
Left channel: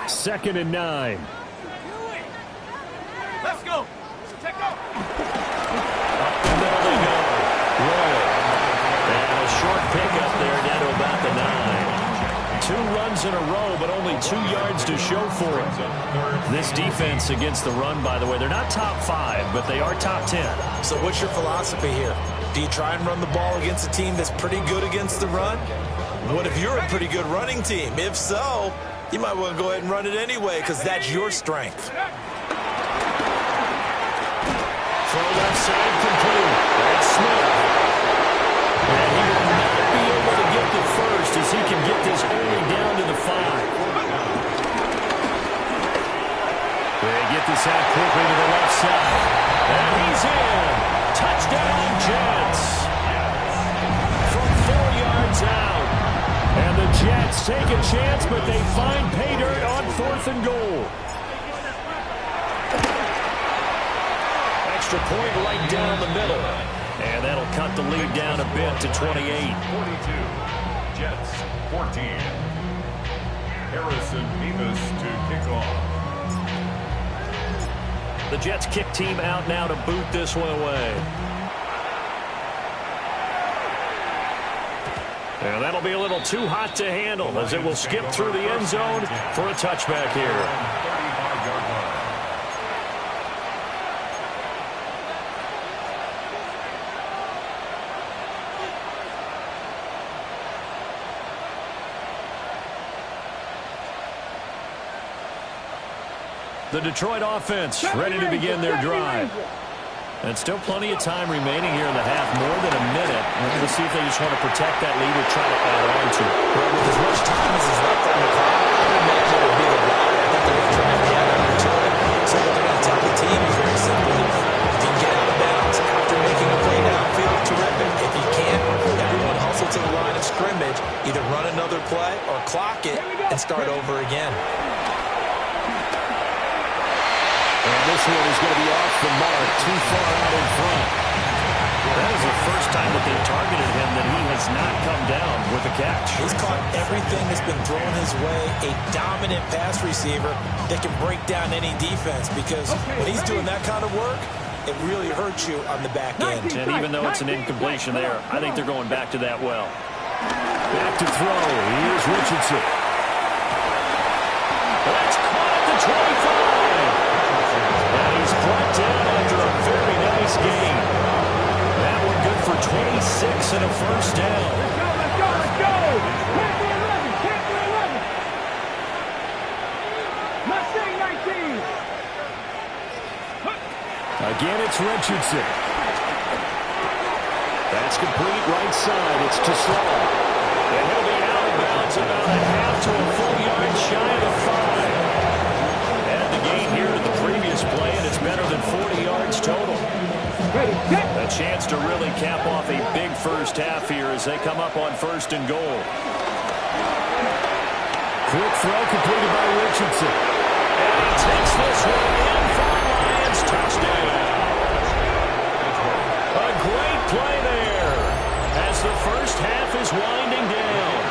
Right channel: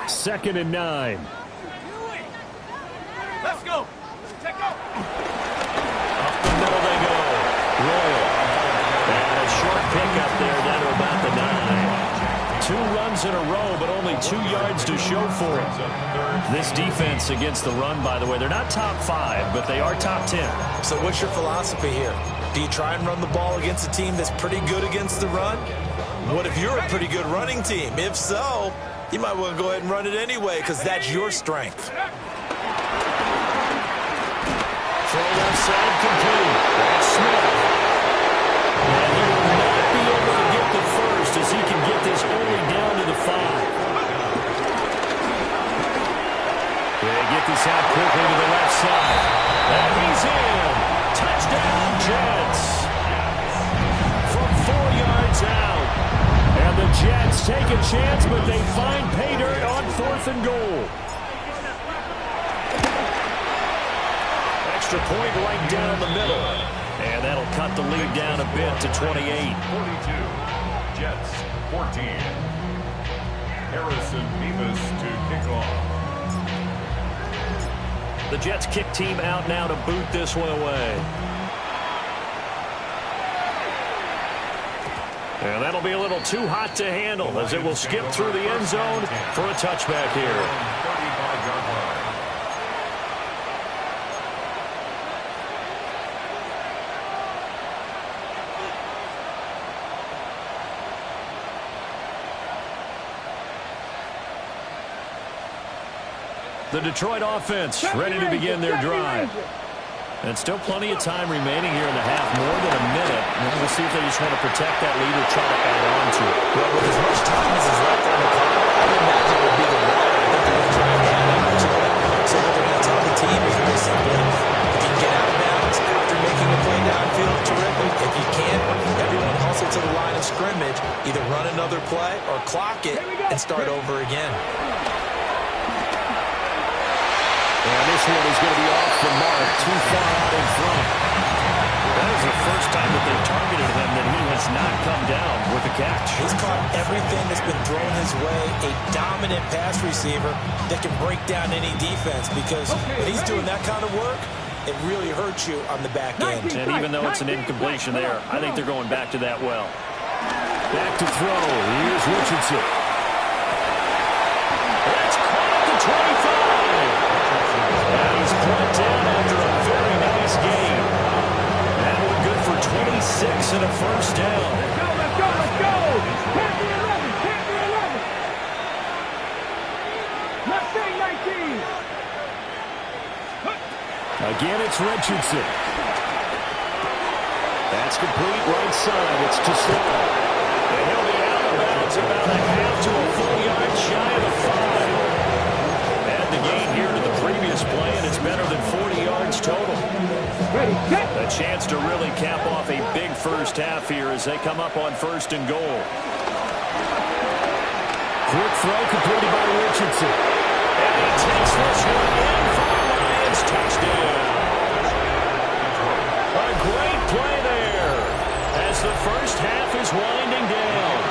2nd and 9. Let's go. Check out. Up the middle they go. Royal. And a short pickup there down to about the 9. 2 runs in a row, but only 2 yards to show for it. This defense against the run, by the way, they're not top 5, but they are top 10. So what's your philosophy here? Do you try and run the ball against a team that's pretty good against the run? What if you're a pretty good running team? If so, You might want to go ahead and run it anyway because that's your strength. Throw left side complete. That's Smith. And he will not be able to get the first as he can get this only down to the 5. They get this out quickly to the left side. And he's in. Touchdown, Jets. From 4 yards out. And the Jets take a chance, but they find pay dirt on 4th and goal. Extra point right down the middle. And that'll cut the lead down a bit to 28. 42. Jets, 14. Harrison Beavis to kick off. The Jets kick team out now to boot this one away. And that'll be a little too hot to handle as it will skip through the end zone for a touchback here. 35-yard line. The Detroit offense ready to begin their drive. And still plenty of time remaining here in the half, more than a minute. We'll see if they just want to protect that lead or try to add on to it. Well, with as much time as is left on the clock, I would imagine it would be the latter. I think they're going to try and add on to it. So what they're going to tell the team is very simply, if you can get out of bounds after making a play downfield, terrific. If you can't, everyone hustle to the line of scrimmage, either run another play or clock it and start over again. And this one is going to be off the mark, too far out in front. That is the first time that they've targeted him that he has not come down with a catch. He's caught everything that's been thrown his way, a dominant pass receiver that can break down any defense because when he's doing that kind of work, it really hurts you on the back end. And even though it's an incompletion there, I think they're going back to that well. Back to throw. Here's Richardson. That's caught at the 25. And he's brought down after a very nice game. That one good for 26 and a first down. Let's go, let's go, let's go. Panther 11, Panther 11. Mustang 19. Again, it's Richardson. That's complete right side. It's to Slow. And he'll be out of bounds about a half to a full yard shy of the 5. Add the gain here to the previous play, and it's better than 40 yards total. Ready, set. A chance to really cap off a big first half here as they come up on 1st and goal. Quick throw completed by Richardson. And he takes this one in for a Lions touchdown. A great play there as the first half is winding down.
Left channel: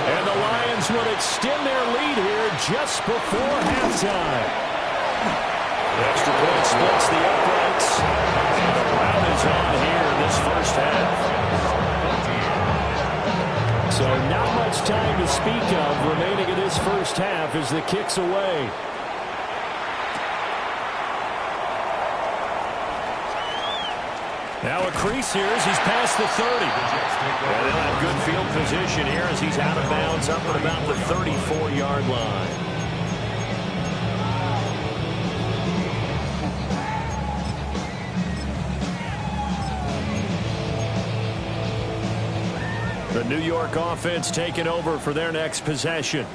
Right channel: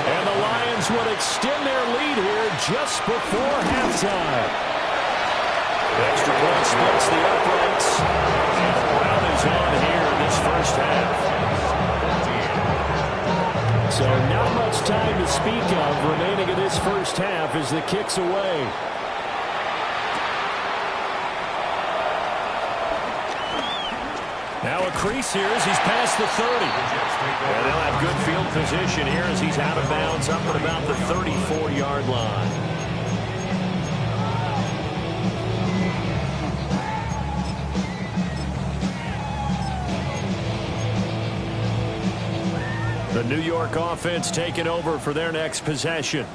And the Lions will extend their lead here just before halftime. Extra point splits the uprights. And the round is on here in this first half. So not much time to speak of remaining in this first half as the kick's away. Now a crease here as he's past the 30. And they'll have good field position here as he's out of bounds up at about the 34-yard line. The New York offense taking over for their next possession.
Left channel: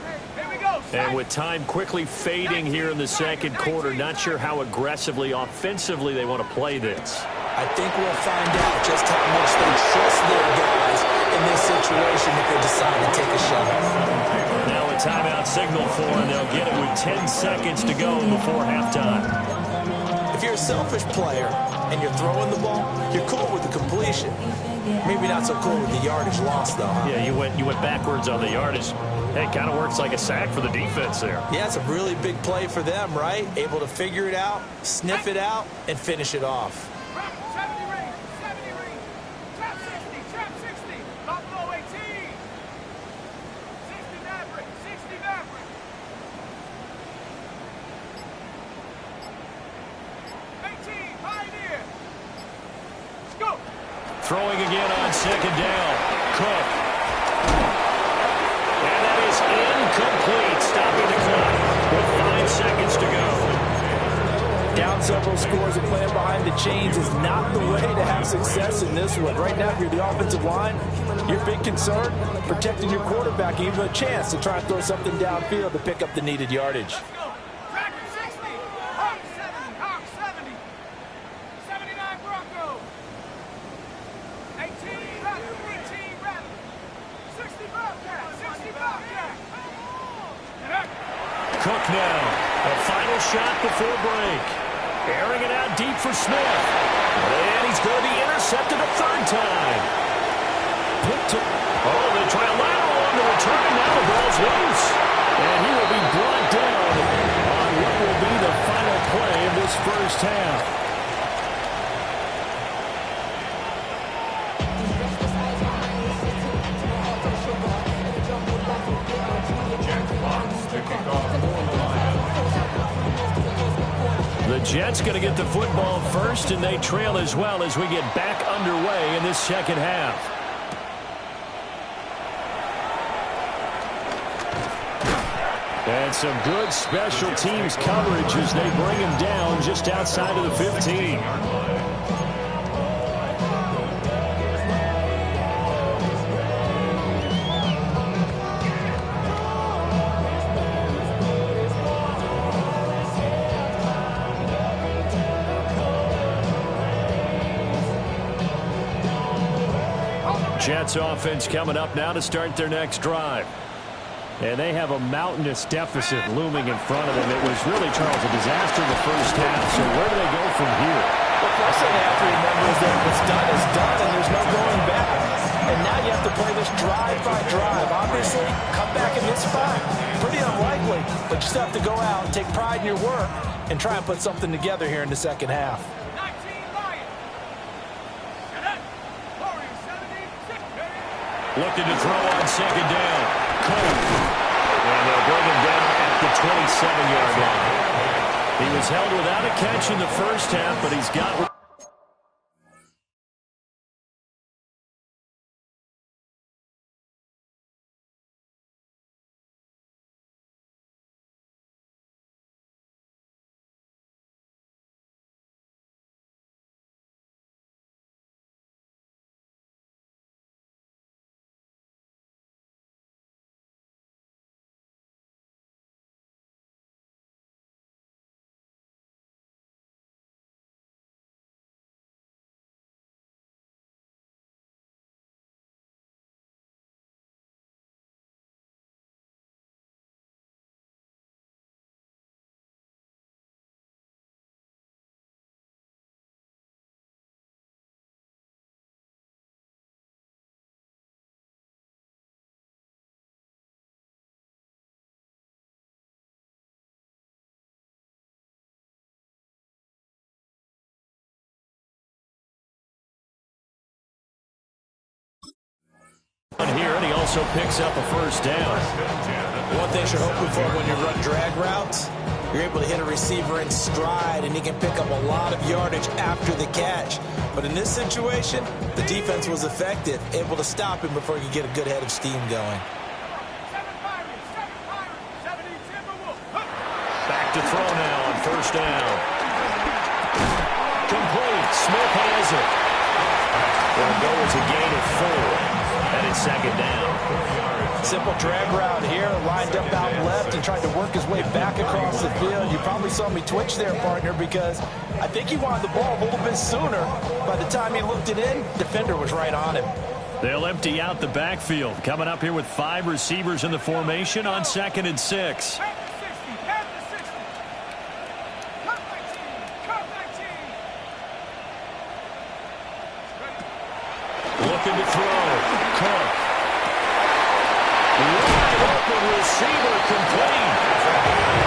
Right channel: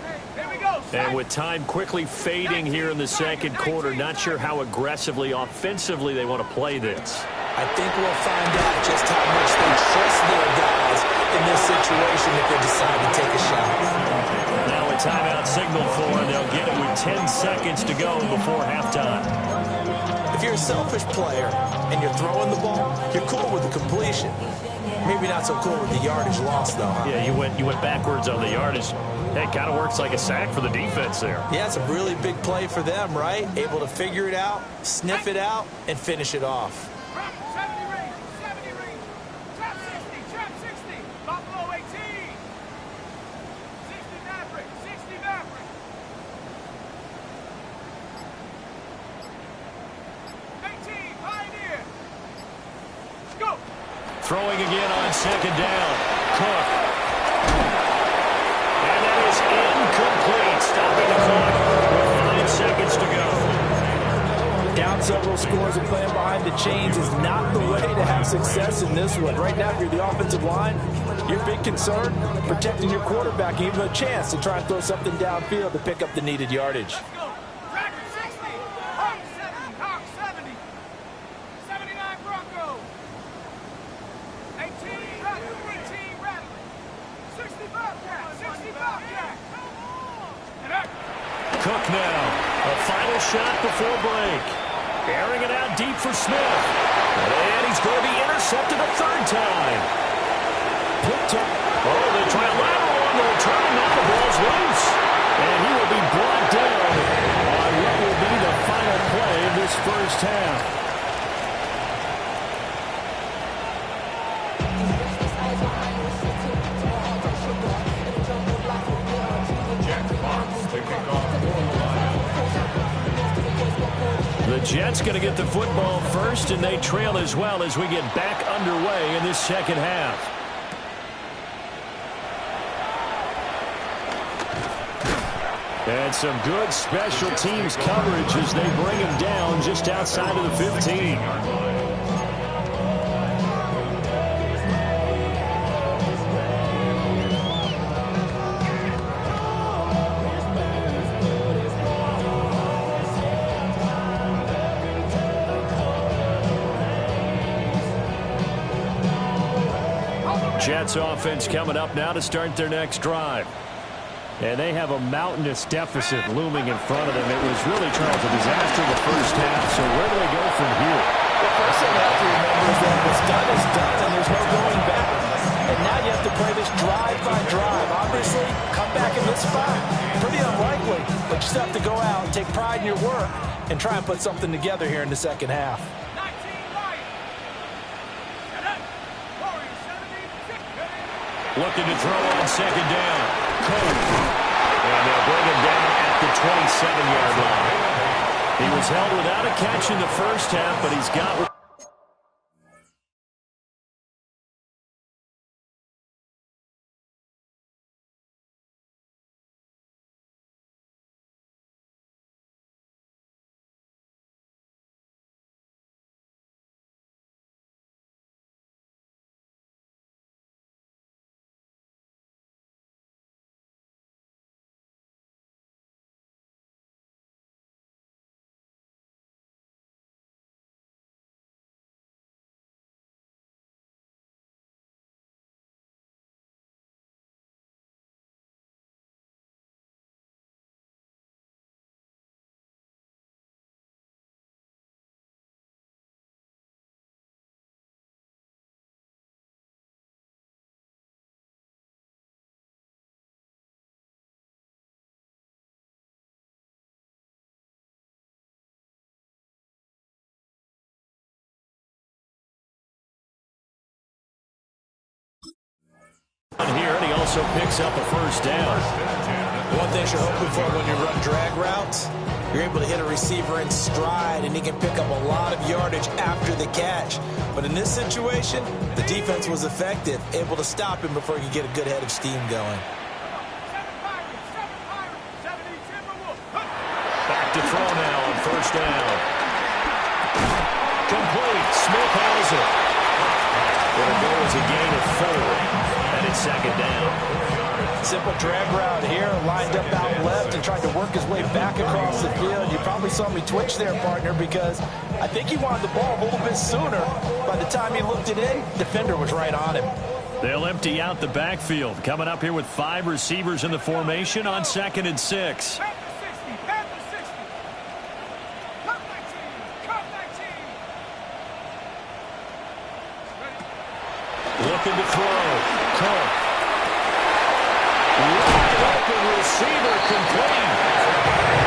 And with time quickly fading here in the second quarter, not sure how aggressively, offensively they want to play this. I think we'll find out just how much they trust their guys in this situation if they decide to take a shot. Now a timeout signal for, and they'll get it with 10 seconds to go before halftime. If you're a selfish player and you're throwing the ball, you're cool with the completion. Maybe not so cool with the yardage loss, though, huh? Yeah, you went backwards on the yardage. Hey, it kind of works like a sack for the defense there. Yeah, it's a really big play for them, right? Able to figure it out, sniff it out, and finish it off. 70 range, trap 60, Buffalo 18. 60 Maverick, 60 Maverick. 18, Pioneer. Go. Throwing again on second down. Cook. And that is incomplete, stopping the clock with 5 seconds to go. Down several scores and playing behind the chains is not the way to have success in this one. Right now, if you're the offensive line, your big concern, protecting your quarterback, and even a chance to try and throw something downfield to pick up the needed yardage. Cook now, a final shot before break. Airing it out deep for Smith. And he's going to be intercepted a third time. Oh, they try a lateral on the return, and now the ball's loose. And he will be brought down on what will be the final play of this first half. The Jets going to get the football first, and they trail as well as we get back underway in this second half. And some good special teams coverage as they bring him down just outside of the 15. Jets offense coming up now to start their next drive. And they have a mountainous deficit looming in front of them. It was really, Charles, a disaster in the first half. So where do they go from here? Well, first thing they have to remember is that what's done is done, and there's no going back. And now you have to play this drive by drive. Obviously, come back in this spot. Pretty unlikely, but you still have to go out and take pride in your work and try and put something together here in the second half. Looking to throw on second down. Cook. And they'll bring him down at the 27-yard line. He was held without a catch in the first half, but he's got... here, and he also picks up a first down. One thing you're hoping for when you run drag routes, you're able to hit a receiver in stride, and he can pick up a lot of yardage after the catch. But in this situation, the defense was effective, able to stop him before he could get a good head of steam going. Back to throw now on first down. Complete. Smith has it. It'll go as a gain of 4, and it's second down. Simple drag route here, lined up out left and tried to work his way back across the field. You probably saw me twitch there, partner, because I think he wanted the ball a little bit sooner. By the time he looked it in, defender was right on him. They'll empty out the backfield. Coming up here with 5 receivers in the formation on 2nd and 6. Looking to throw. Cook. Wide open receiver complete.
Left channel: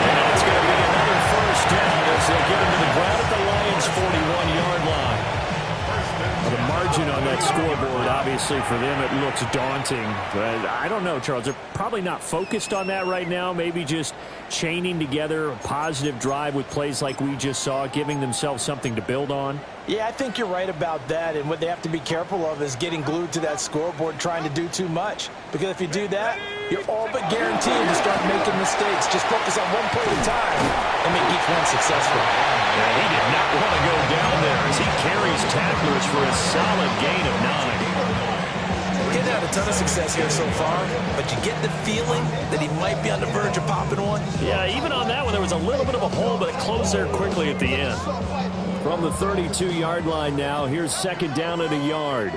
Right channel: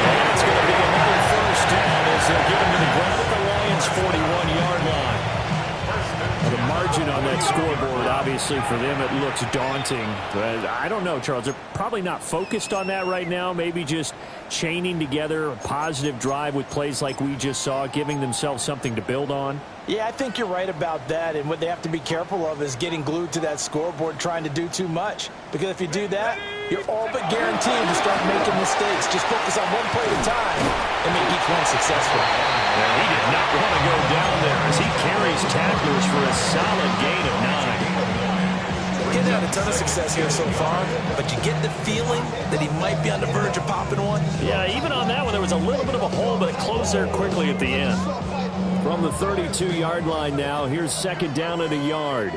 And it's going to be another first down as they'll get him to the ground at the Lions' 41-yard line. Well, the margin on that scoreboard. Obviously, for them, it looks daunting. But I don't know, Charles. They're probably not focused on that right now. Maybe just chaining together a positive drive with plays like we just saw, giving themselves something to build on. Yeah, I think you're right about that. And what they have to be careful of is getting glued to that scoreboard, trying to do too much. Because if you do that, you're all but guaranteed to start making mistakes. Just focus on one play at a time and make each one successful. Yeah, he did not want to go down there as he carries tacklers for a solid gain of 9. He's had a ton of success here so far, but you get the feeling that he might be on the verge of popping one. Yeah, even on that one, there was a little bit of a hole, but it closed there quickly at the end. From the 32-yard line now, here's second down at a yard.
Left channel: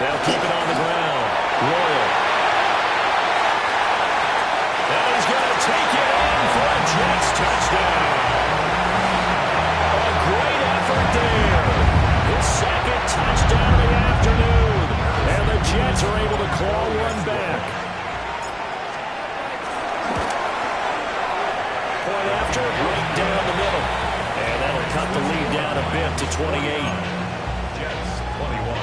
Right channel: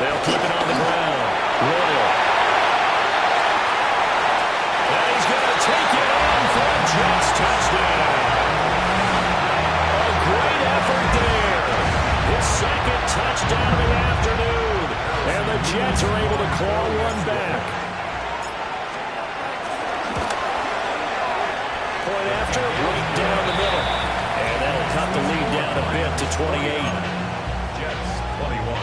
They'll keep it on the ground. Royal. And he's going to take it in for a Jets touchdown. A great effort there. His second touchdown of the afternoon. And the Jets are able to claw one back. Point after, right down the middle. And that'll cut the lead down a bit to 28. Jets 21.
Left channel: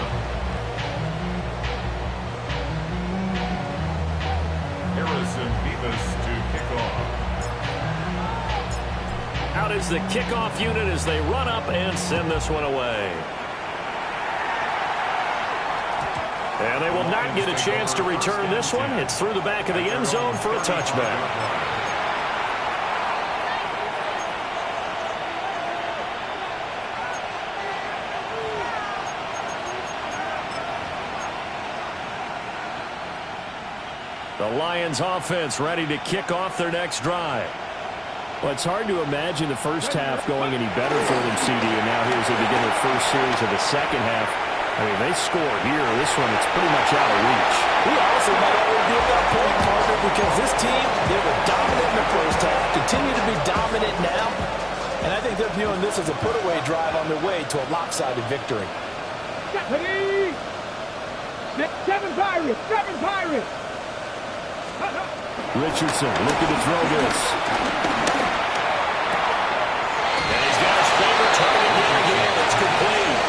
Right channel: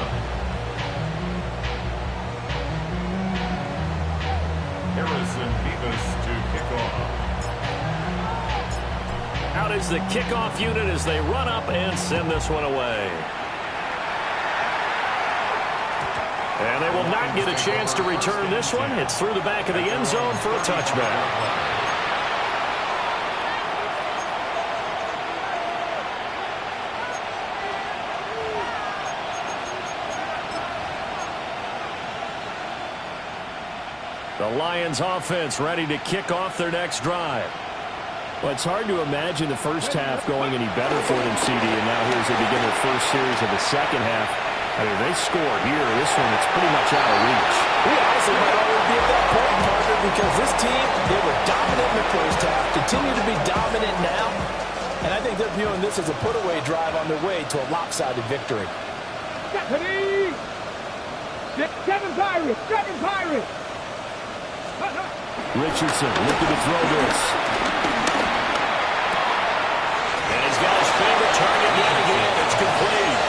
Harrison Beavis to kick off. Out is the kickoff unit as they run up and send this one away. And they will not get a chance to return this one. It's through the back of the end zone for a touchback. The Lions offense ready to kick off their next drive. Well, it's hard to imagine the first half going any better for them, CD, and now here's they begin their first series of the second half. I mean, they score here. This one, it's pretty much out of reach. We honestly might already be at that point, partner, because this team, they were dominant in the first half, continue to be dominant now, and I think they're viewing this as a put-away drive on their way to a lopsided victory. Seven Pirates! Seven Pirates! Richardson looking to throw this. And he's got his favorite target yet again. It's complete.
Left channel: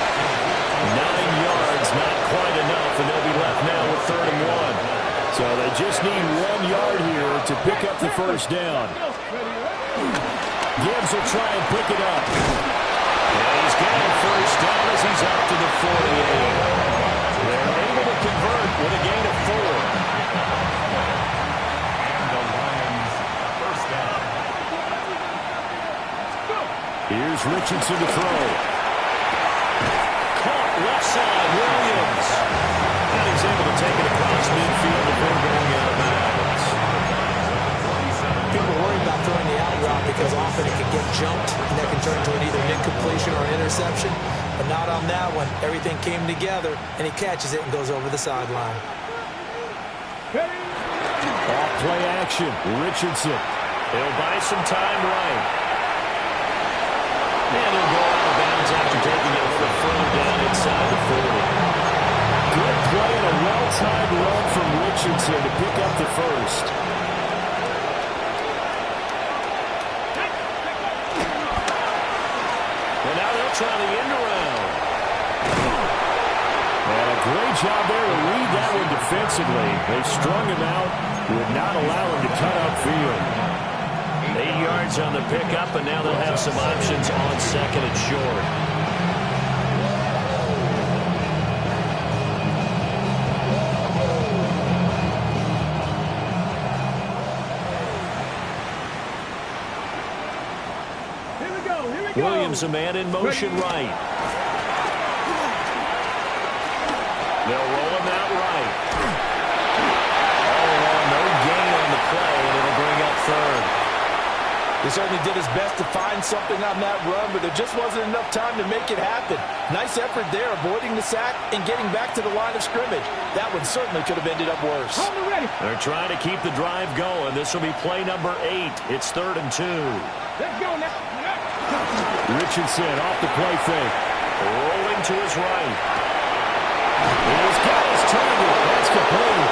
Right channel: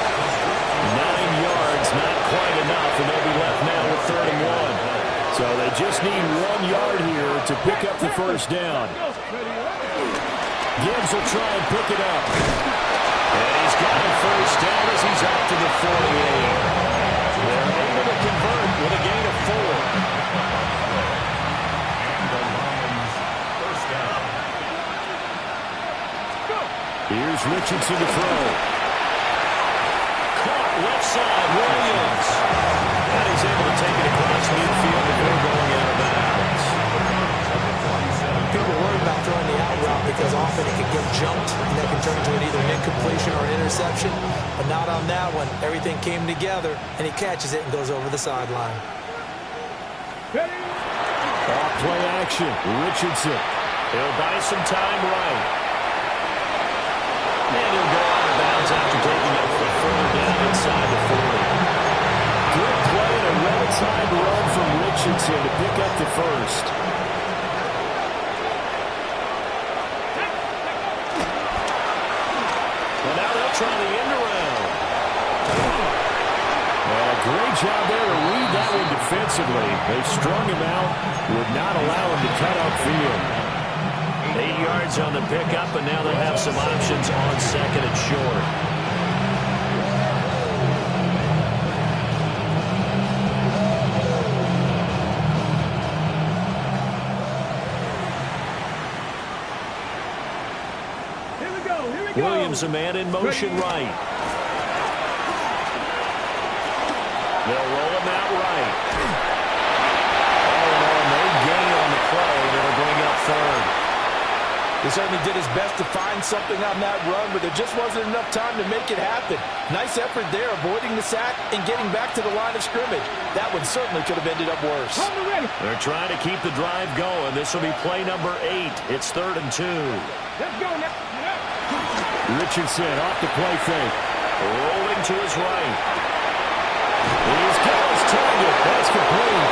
9 yards, not quite enough, and they'll be left now with 3rd and 1. So they just need 1 yard here to pick up the first down. Gibbs will try and pick it up. And he's got a first down as he's up to the 48. They're able to convert with a gain of 4. Here's Richardson to throw. Caught left side, Williams. And he's able to take it across midfield before going out of bounds. People worry about throwing the out route because often it can get jumped, and that can turn into either an incompletion or an interception. But not on that one. Everything came together, and he catches it and goes over the sideline. Off play action, Richardson. He'll buy some time right. And he'll go out of bounds after taking it a little further down inside the 40. Good play and a well-timed run from Richardson to pick up the first. Well, now they'll try the end around. And a great job there to read that one defensively. They strung him out, would not allow him to cut upfield. 8 yards on the pickup, and now they'll have some options on second and short. Here we go, here we go. Williams, a man in motion right. They'll roll him out right. All in all, no gain on the play, and it'll bring up 3rd. He certainly did his best to find something on that run, but there just wasn't enough time to make it happen. Nice effort there, avoiding the sack and getting back to the line of scrimmage. That one certainly could have ended up worse. They're trying to keep the drive going. This will be play number 8. It's 3rd and 2. Let's go now. Richardson off the play fake. Rolling to his right. He's got his target. That's complete.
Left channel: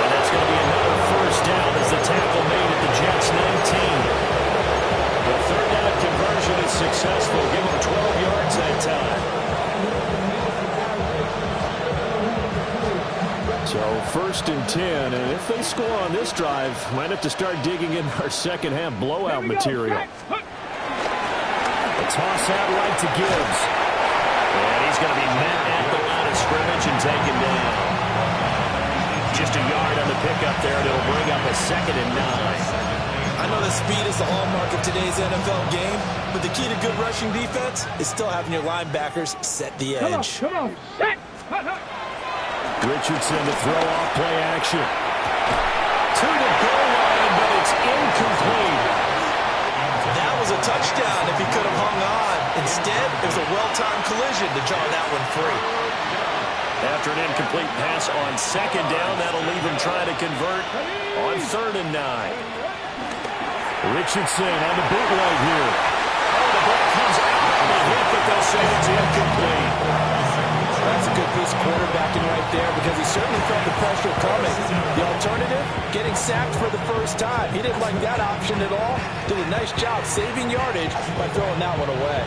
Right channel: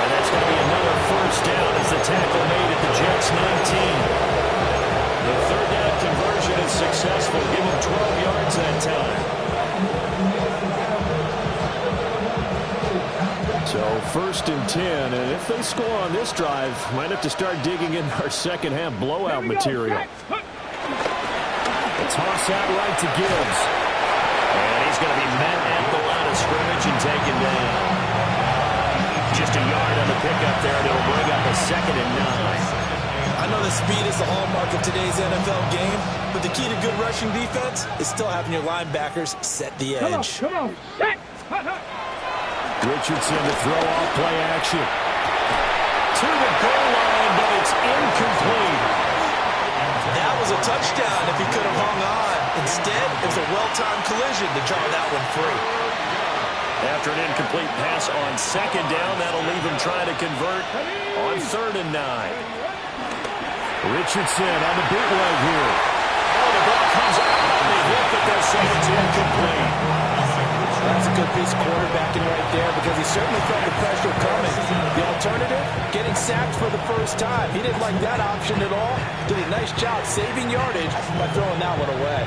And that's going to be another first down as the tackle made at the Jets' 19. The third down conversion is successful. Give them 12 yards that time. So 1st and 10, and if they score on this drive, might have to start digging in our second half blowout material. A toss out right to Gibbs. And he's going to be met at the line of scrimmage and taken down. Just a yard on the pickup there, and it'll bring up a 2nd and 9. I know that speed is the hallmark of today's NFL game, but the key to good rushing defense is still having your linebackers set the edge. Come on, set. Richardson to throw off play action. To the goal line, but it's incomplete. That was a touchdown if he could have hung on. Instead, it was a well-timed collision to jar that one free. After an incomplete pass on 2nd down, that'll leave him trying to convert on 3rd and 9. Richardson on the bootleg here. Oh, the ball comes out on the hit, but they'll say it's incomplete. That's a good piece of quarterbacking right there because he certainly felt the pressure coming. The alternative, getting sacked for the first time. He didn't like that option at all. Did a nice job saving yardage by throwing that one away.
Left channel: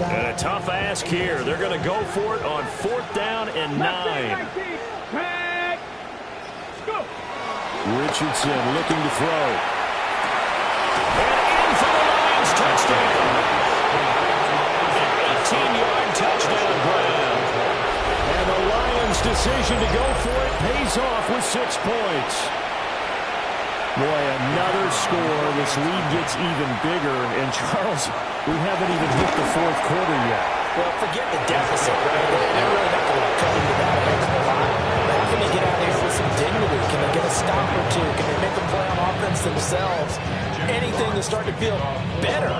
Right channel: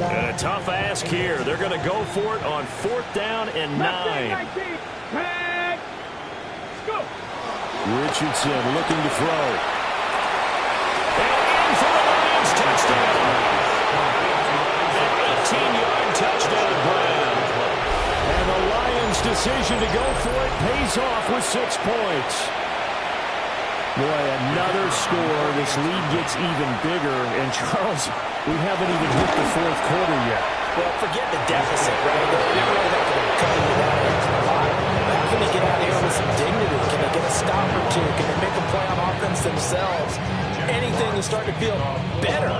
And a tough ask here. They're going to go for it on 4th down and 9. Richardson looking to throw. And in for the Lions, touchdown. An 18-yard touchdown grab. And the Lions' decision to go for it pays off with 6 points. Boy, another score. This lead gets even bigger. And, Charles, we haven't even hit the 4th quarter yet. Well, forget the deficit, right? They're really not going to cut into that an extra lot. But how can they get out of here with some dignity? Can they get a stop or two? Can they make a play on offense themselves? Anything to start to feel better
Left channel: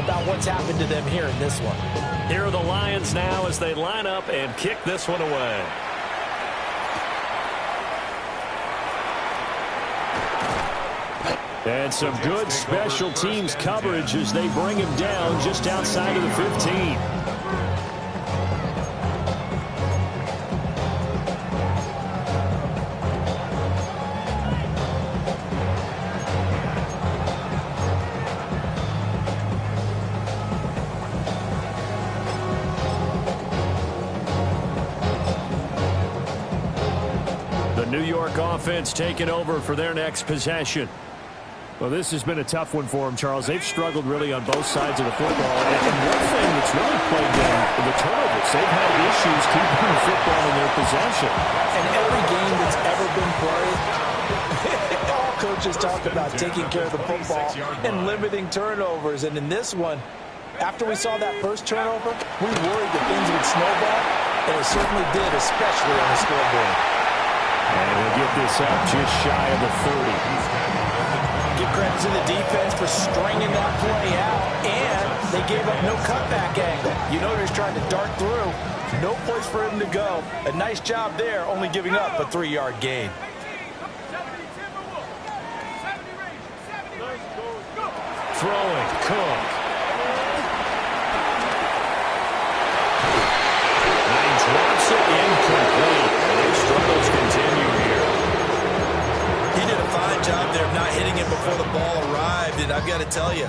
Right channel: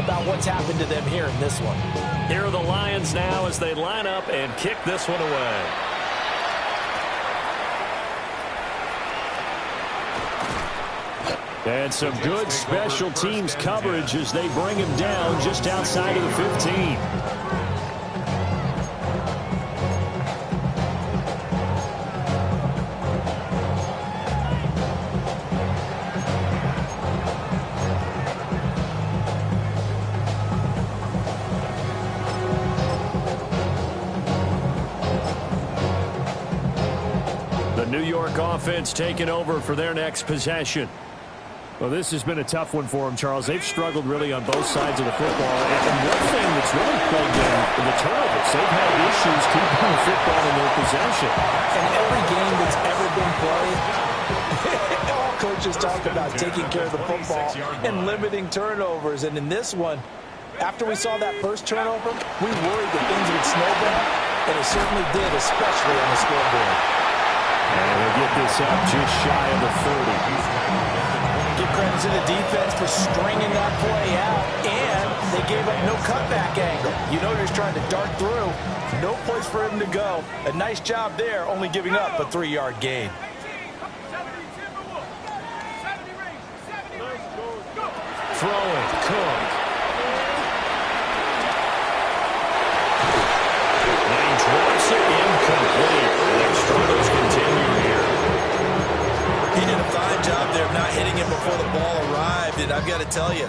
about what's happened to them here in this one. Here are the Lions now as they line up and kick this one away. And some good special teams coverage as they bring him down just outside of the 15. The New York offense taking over for their next possession. Well, this has been a tough one for them, Charles. They've struggled really on both sides of the football. And one thing that's really plagued them, the turnovers. They've had issues keeping the football in their possession. And every game that's ever been played, all coaches talk about taking care of the football and limiting turnovers. And in this one, after we saw that first turnover, we worried that things would snowball, and it certainly did, especially on the scoreboard. And we'll get this up just shy of the 30. Give credit to the defense for stringing that play out, and they gave up no cutback angle. You know he was trying to dart through. No place for him to go. A nice job there, only giving up a 3-yard gain. Throwing, Cook. And he drops it incomplete. And their struggles continue here. He did a fine job there of not hitting him before the ball arrived, and I've got to tell you,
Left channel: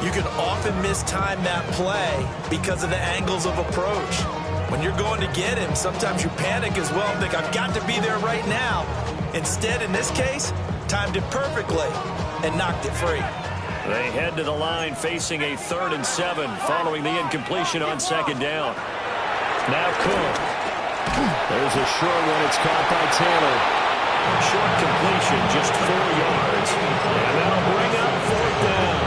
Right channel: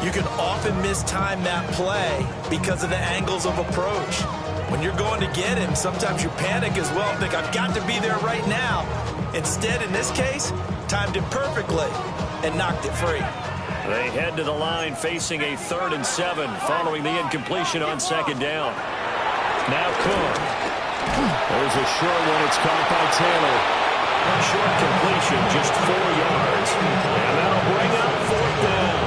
you can often mistime that play because of the angles of approach. When you're going to get him, sometimes you panic as well and think, I've got to be there right now. Instead, in this case, timed it perfectly and knocked it free. They head to the line facing a 3rd and 7 following the incompletion on 2nd down. Now Cook. There's a short one. It's caught by Taylor. Short completion, just 4 yards. And that'll bring up 4th down.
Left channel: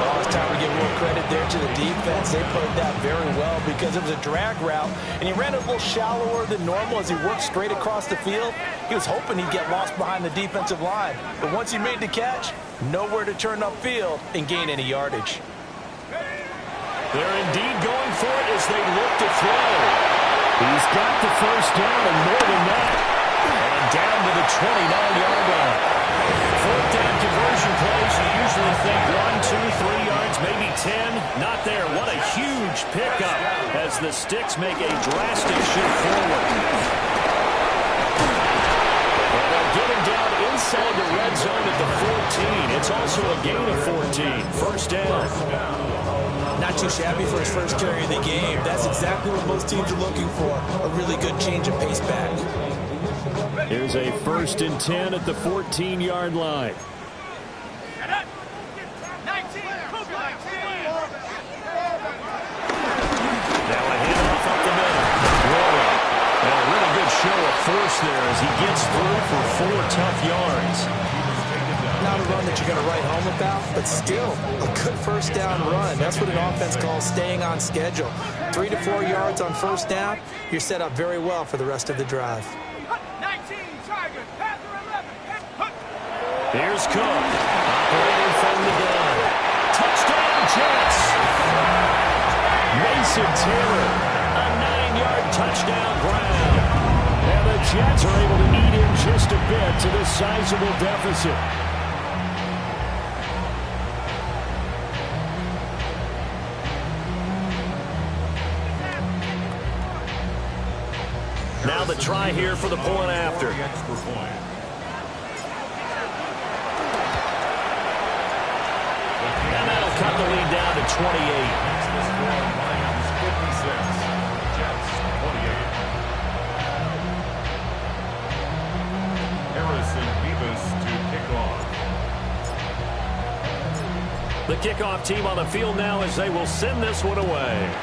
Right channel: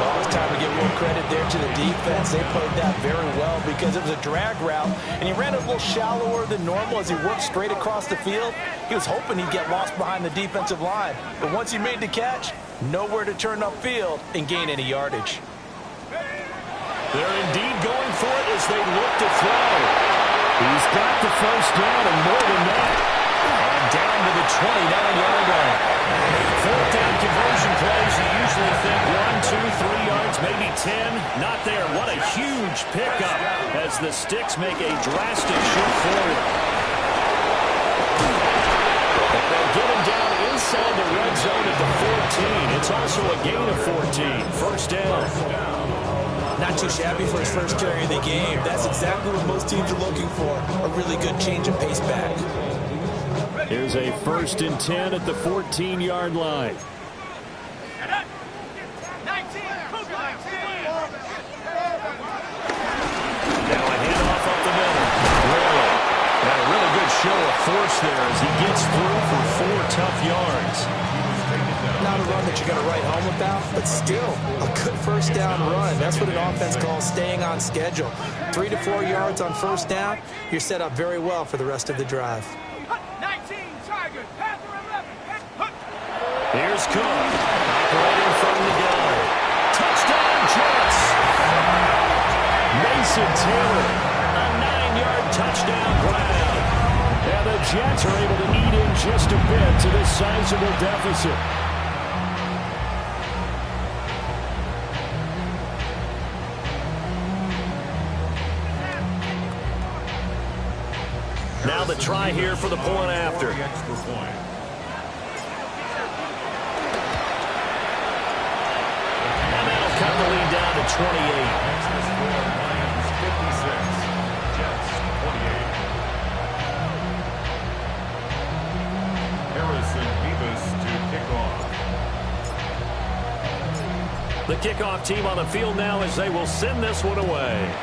Well, it's time to give more credit there to the defense. They played that very well because it was a drag route, and he ran a little shallower than normal as he worked straight across the field. He was hoping he'd get lost behind the defensive line. But once he made the catch, nowhere to turn upfield and gain any yardage. They're indeed going for it as they look to throw. He's got the first down and more than that. And down to the 29-yard line. Fourth down conversion plays, you usually think 1, 2, 3 yards, maybe 10. Not there. What a huge pickup as the Sticks make a drastic shift forward. And they'll get him down inside the red zone at the 14. It's also a gain of 14. First down. Not too shabby for his first carry of the game. That's exactly what most teams are looking for. A really good change of pace back. Here's a 1st and 10 at the 14-yard line. Now a handoff up the middle. Royal. And a really good show of force there as he gets through for 4 tough yards. Not a run that you're going to write home about, but still a good first down run. That's what an offense calls staying on schedule. 3 to 4 yards on first down, you're set up very well for the rest of the drive. 19 Tigers, Panther 11. Here's Cook, operating from the gun. Touchdown, Jets! Mason Taylor, a 9-yard touchdown ground. And the Jets are able to eat in just a bit to this sizable deficit. Now the try here for the point after. Extra point. And that'll cut the lead down to 28. Makes the score Lions 56, Jets 28. Harrison Beavis to kick off. The kickoff team on the field now as they will send this one away.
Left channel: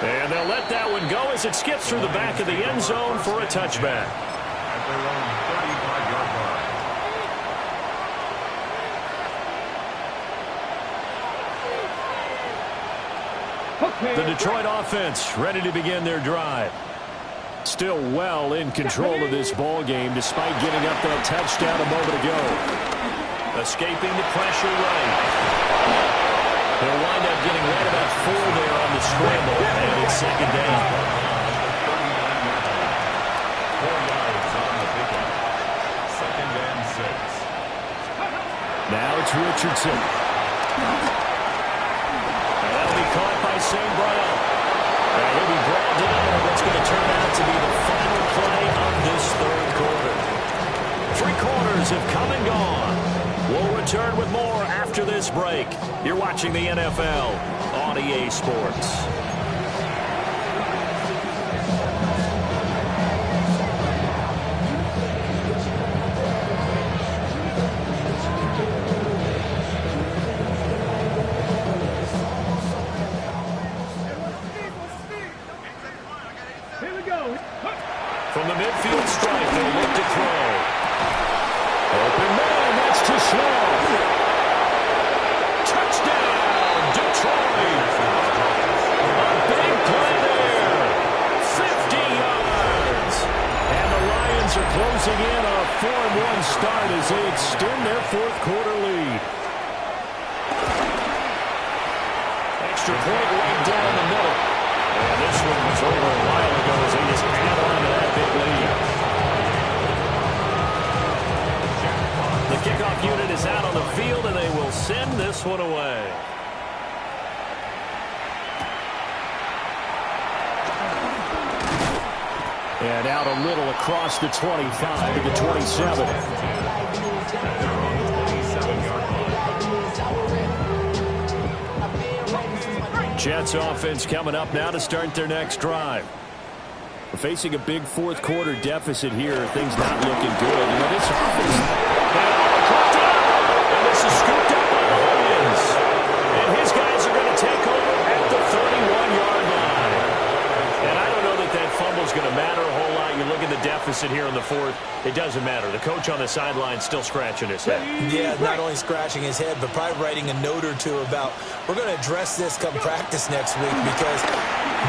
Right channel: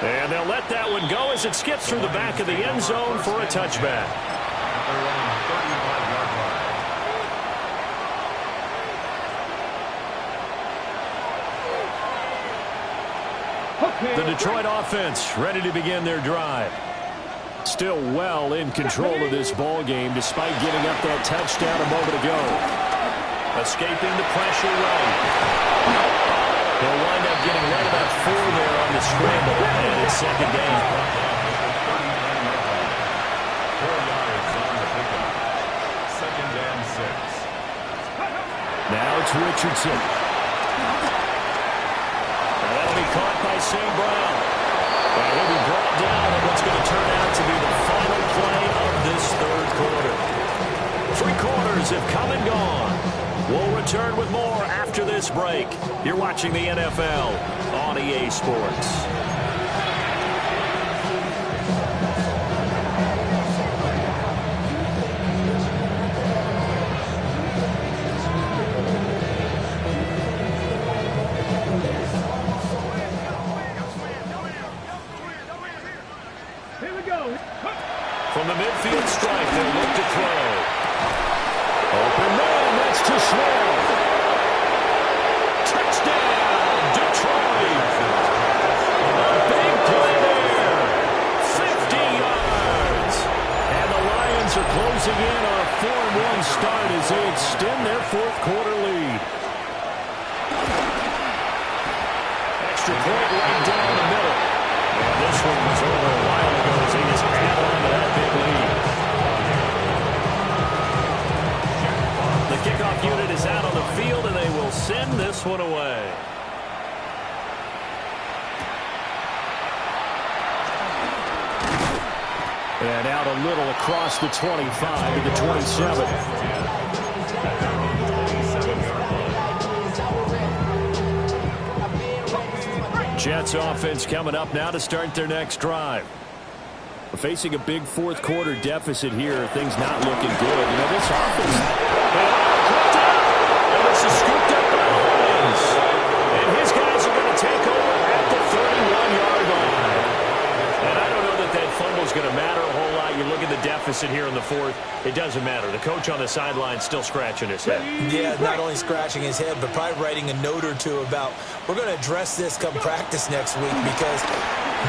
And they'll let that one go as it skips through the back of the end zone for a touchback. At their own 35-yard line. The Detroit offense ready to begin their drive. Still well in control of this ball game despite giving up that touchdown a moment ago. Escaping the pressure right. He'll wind up getting right about 4 there on the scramble, and it's second down. 4 yards on the pickup. Second and 6. Now it's Richardson. And that'll be caught by St. Brown. And he'll be brought down on what's going to turn out to be the final play of this third quarter. 3 quarters have come and gone. We'll return with more after this break. You're watching the NFL on EA Sports. Here we go. From the midfield stripe, they'll look to throw. Open man, that's too small. Touchdown, Detroit. A big play there. 50 yards. And the Lions are closing in on a 4-1 start as they extend their fourth quarter lead. Extra point right down the middle. And this one was over a while ago as they just add on to that big lead. The kickoff unit is out on the field, and they will send this one away. And out a little across the 25 to the 27. Jets offense coming up now to start their next drive. We're facing a big fourth quarter deficit here. Things not looking good. You know, this offense, they caught up, and this is scooped up by the Lions. And his guys are going to take over at the 31-yard line. And I don't know that that fumble is going to matter a whole lot. You look at the deficit here in the fourth, it doesn't matter. The coach on the sideline still scratching his head. Yeah, not only scratching his head, but probably writing a note or two about, we're going to address this come practice next week because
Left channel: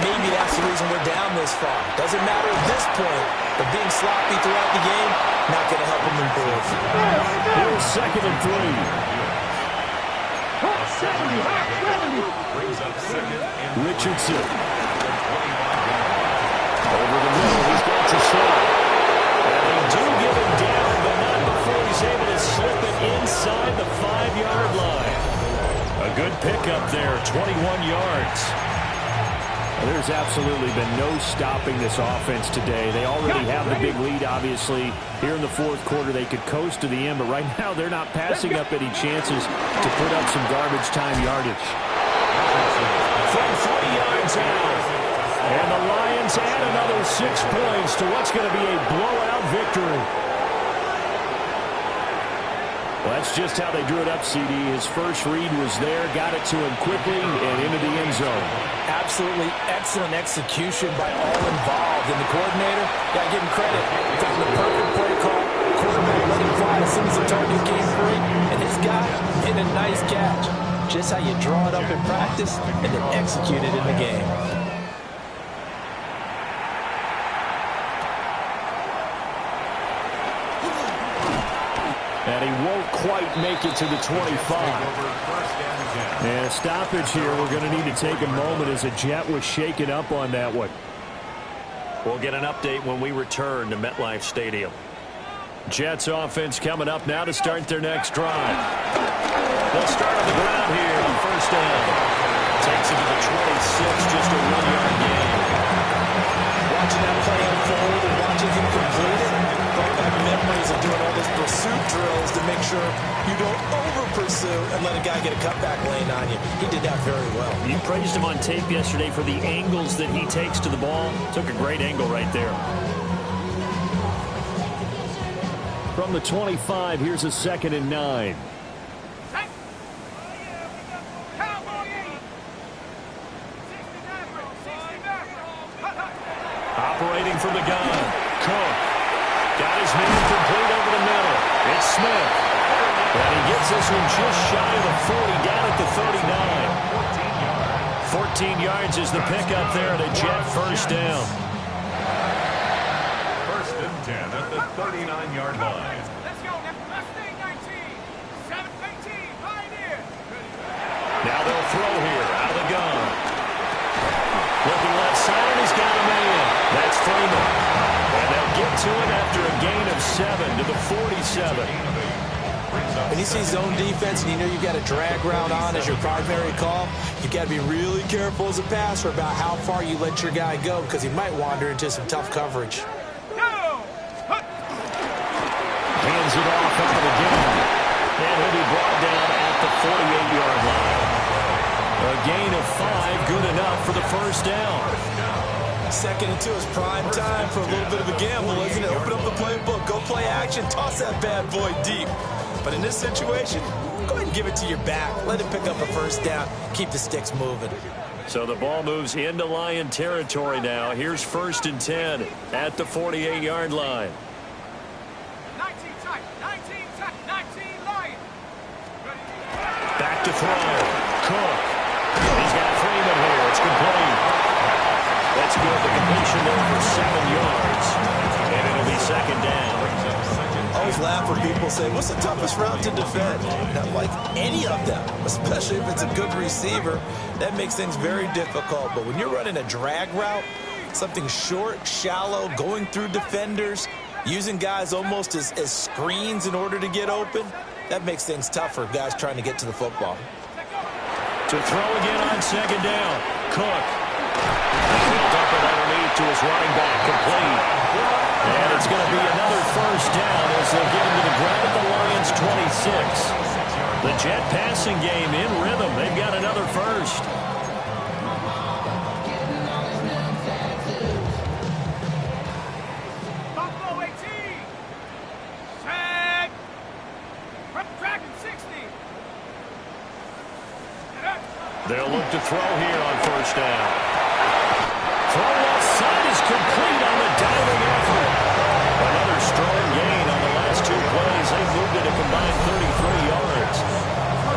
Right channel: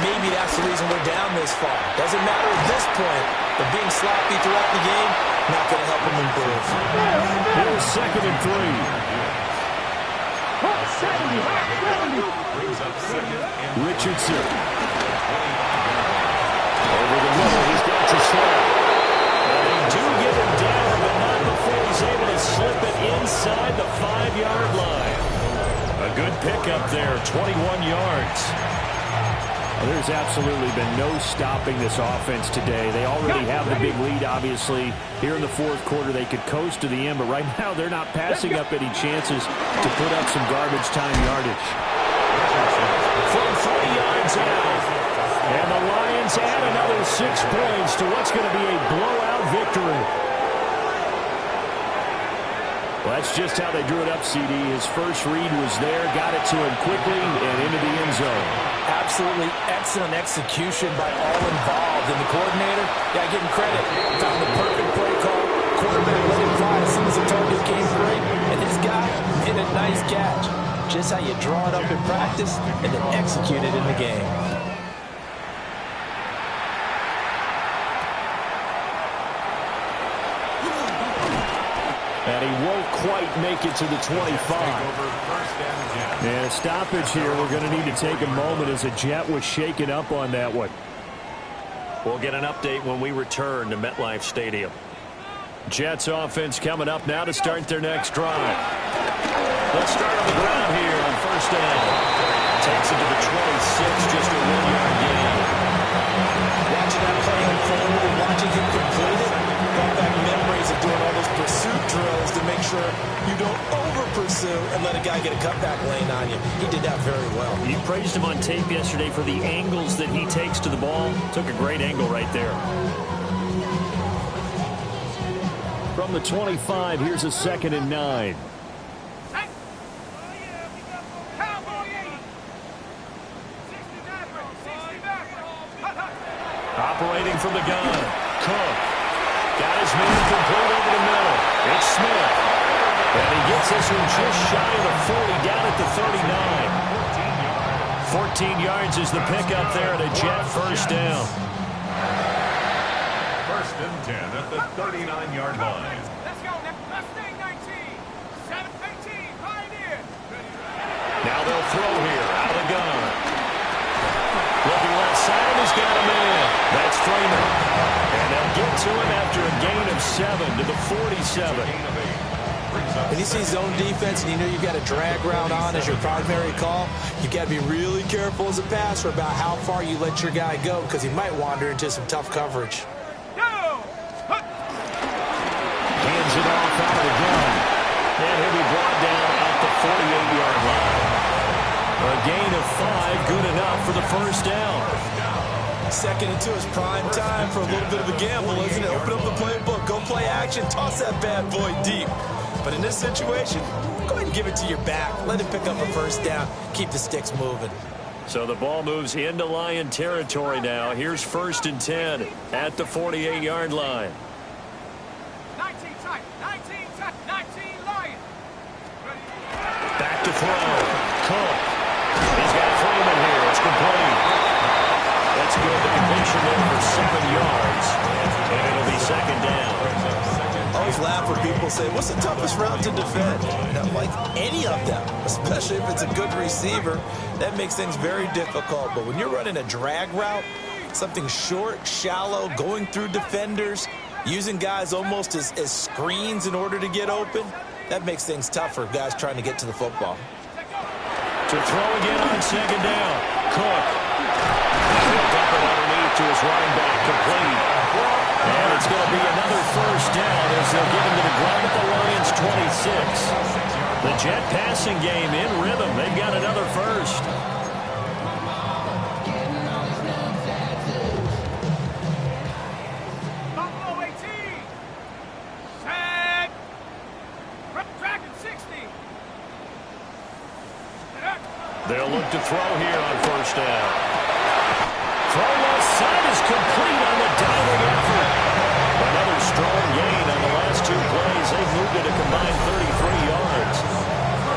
maybe that's the reason we're down this far. Doesn't matter at this point, but being sloppy throughout the game, not going to help him improve. Here's 2nd and 3. Brings up 2nd and Richardson. Over the middle, he's got to slow. And he do get him down, but not before he's able to slip it inside the 5-yard line. A good pickup there, 21 yards. Well, there's absolutely been no stopping this offense today. They already have the big lead, obviously. Here in the fourth quarter, they could coast to the end, but right now they're not passing up any chances to put up some garbage time yardage. From 3 yards out, and the Lions add another 6 points to what's going to be a blowout victory. Well, that's just how they drew it up, CD. His first read was there, got it to him quickly, and into the end zone. Absolutely excellent execution by all involved. And the coordinator, yeah, give him credit. Found the perfect play call. Quarterback let him fly as soon as the target came free. And this guy hit a nice catch. Just how you draw it up in practice and then execute it in the game. And he won't quite make it to the 25. And a stoppage here. We're going to need to take a moment as a Jet was shaken up on that one. We'll get an update when we return to MetLife Stadium. Jets offense coming up now to start their next drive. They'll start on the ground here on first down. Takes it to the 26, just a 1-yard gain. Watching that play unfold and watching him complete it brought back memories of doing all those pursuit drills to make sure you don't over-pursue and let a guy get a cutback lane on you. He did that very well. You praised him on tape yesterday for the angles that he takes to the ball. Took a great angle right there. From the 25, here's a 2nd and 9. Operating from the gun. Cook. Got his man complete over the middle. It's Smith. And he gets this one just shy of the 40, down at the 39. 14 yards is the pickup there at a Jet first down. First and 10 at the 39-yard line. Let's go. Mustang 19. 7-18. Pioneer. Now they'll throw here out of the gun. Looking left side, and he's got a man. That's Freeman. And they'll get to him after a gain of 7 to the 47. When you see zone defense and you know you've got a drag route on as your primary call, you've got to be really careful as a passer about how far you let your guy go because he might wander into some tough coverage. Hands it off out of the gun. And he'll be brought down at the 48-yard line. A gain of 5, good enough for the first down. 2nd and 2 is prime time for a little bit of a gamble, isn't it? Open up the playbook, go play action, toss that bad boy deep. But in this situation, go ahead and give it to your back. Let him pick up a first down, keep the sticks moving. So the ball moves into Lion territory now. Here's 1st and 10 at the 48-yard line. 19 tight. 19 Lion. Back to throw. Cook. He's got Freeman here. It's complete. That's good. The completion there for 7 yards. And it'll be 2nd down. I always laugh when people say, what's the toughest route to defend? Not like any of them, especially if it's a good receiver. That makes things very difficult. But when you're running a drag route, something short, shallow, going through defenders, using guys almost as screens in order to get open, that makes things tough for guys trying to get to the football. To throw again on 2nd down. Cook. And he'll dump it underneath to his running back. Complete. And it's going to be another first down as they'll get him to the ground at the Lions' 26. The Jet passing game in rhythm. They've got another first. Buffalo 18. Set. Dragon 60. They'll look to throw here on first down. Throw left side is complete on the diving effort. Another strong gain on the last 2 plays. They've moved it a combined 33 yards.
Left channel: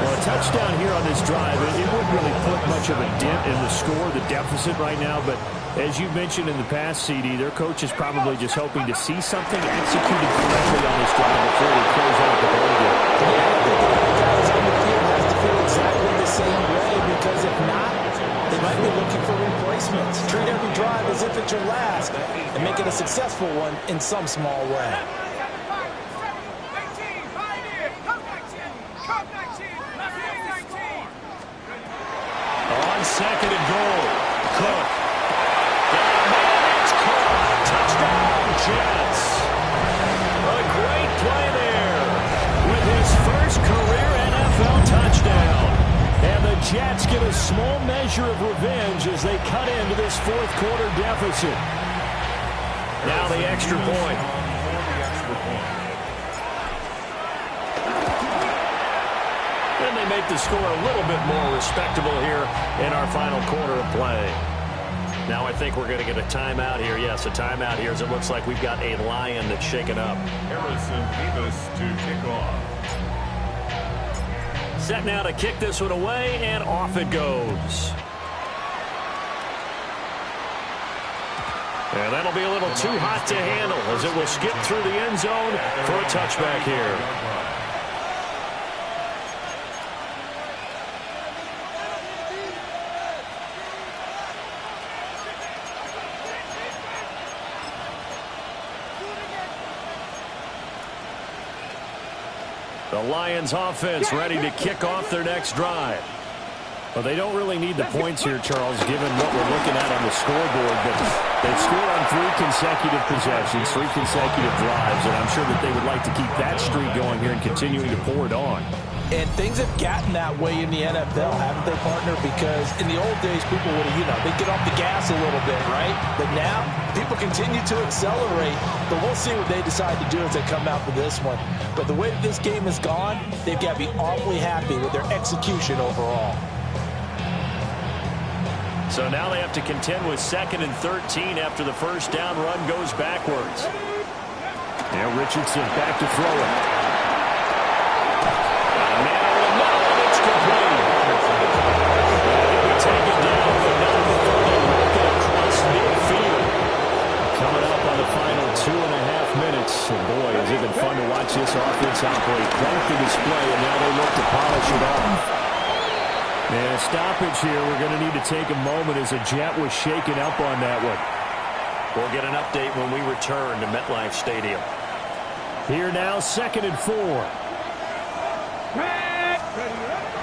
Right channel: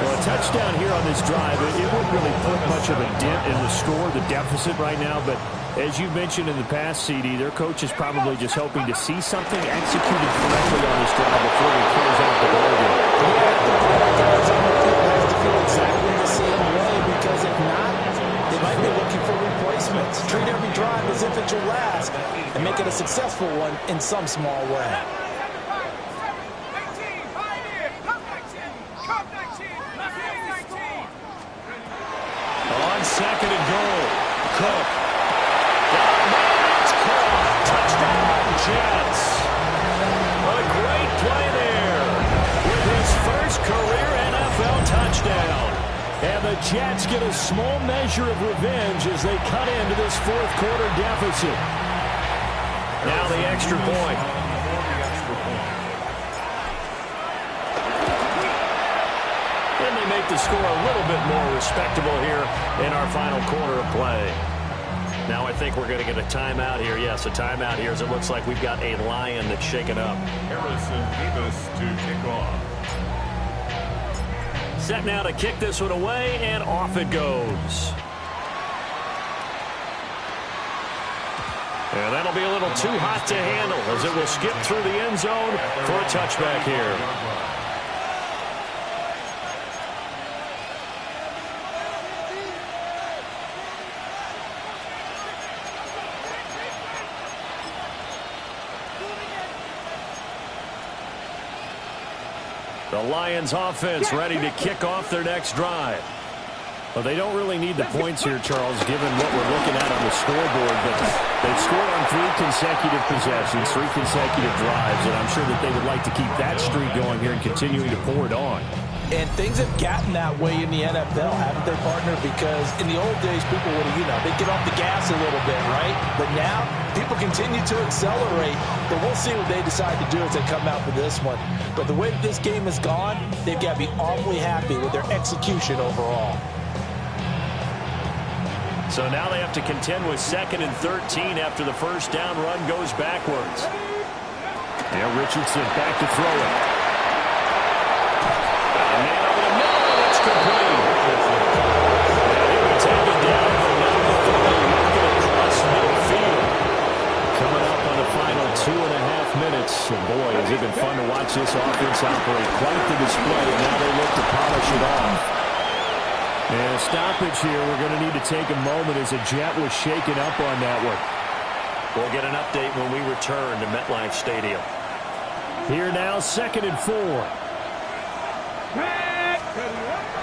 Well, a touchdown here on this drive, it wouldn't really put much of a dent in the score, the deficit right now. But as you mentioned in the past, CD, their coach is probably just hoping to see something executed correctly on this drive before they close out the ball game. Yeah, I think the other guys on the field has to feel exactly the same way because if not, they might be looking for replacements. Treat every drive as if it's your last and make it a successful one in some small way. Cook. Got a man, it's caught. Touchdown, Jets. A great play there with his first career NFL touchdown. And the Jets get a small measure of revenge as they cut into this fourth quarter deficit. Now the extra point. And they make the score a little bit more respectable here in our final quarter of play. Now I think we're going to get a timeout here. Yes, a timeout here as it looks like we've got a Lion that's shaken up. Harrison Davis to kick off. Set now to kick this one away, and off it goes. And that'll be a little too hot to handle as it will skip through the end zone for a touchback here. The Lions offense ready to kick off their next drive. Well, they don't really need the points here, Charles, given what we're looking at on the scoreboard. But they've scored on 3 consecutive possessions, 3 consecutive drives, and I'm sure that they would like to keep that streak going here and continuing to pour it on. And things have gotten that way in the NFL, haven't they, partner? Because in the old days, people would have, they'd get off the gas a little bit, right? But now, people continue to accelerate. But we'll see what they decide to do as they come out for this one. But the way that this game has gone, they've got to be awfully happy with their execution overall. So now they have to contend with 2nd and 13 after the first down run goes backwards. Now Richardson back to throw it. Got a man over the middle, and it's complete. And he'll be taken down, but not before they work it across midfield. Coming up on the final 2.5 minutes. And boy, has it been fun to watch this offense operate. Quite the display, and now they look to polish it off. And a stoppage here. We're going to need to take a moment as a Jet was shaken up on that one. We'll get an update when we return to MetLife Stadium. Here now, 2nd and 4.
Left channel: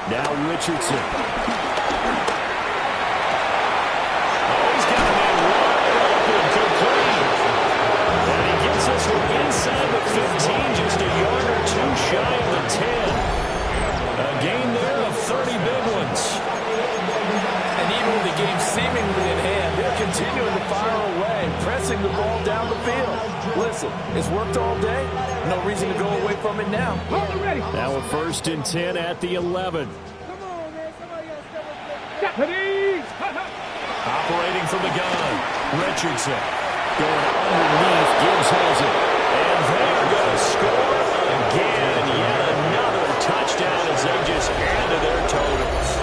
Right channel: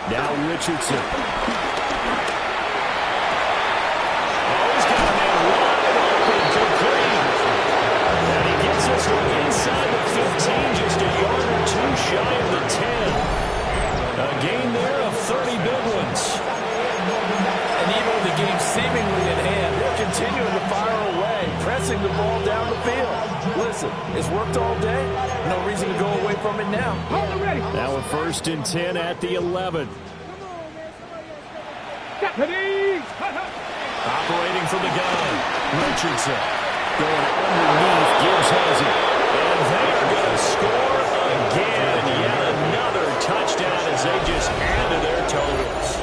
Now Richardson. Oh, he's got a man wide open, complete. And he gets this one inside the 15, just a yard or 2 shy of the 10. A gain there of 30 big ones. And even with the game seemingly in hand, they're continuing to fire away, pressing the ball down the field. Listen, it's worked all day. No reason to go away from it now. Now a 1st and 10 at the 11. Operating from the gun. Richardson going underneath. Gibbs has it. And they are going to score again. Yet another touchdown as they just add to their totals.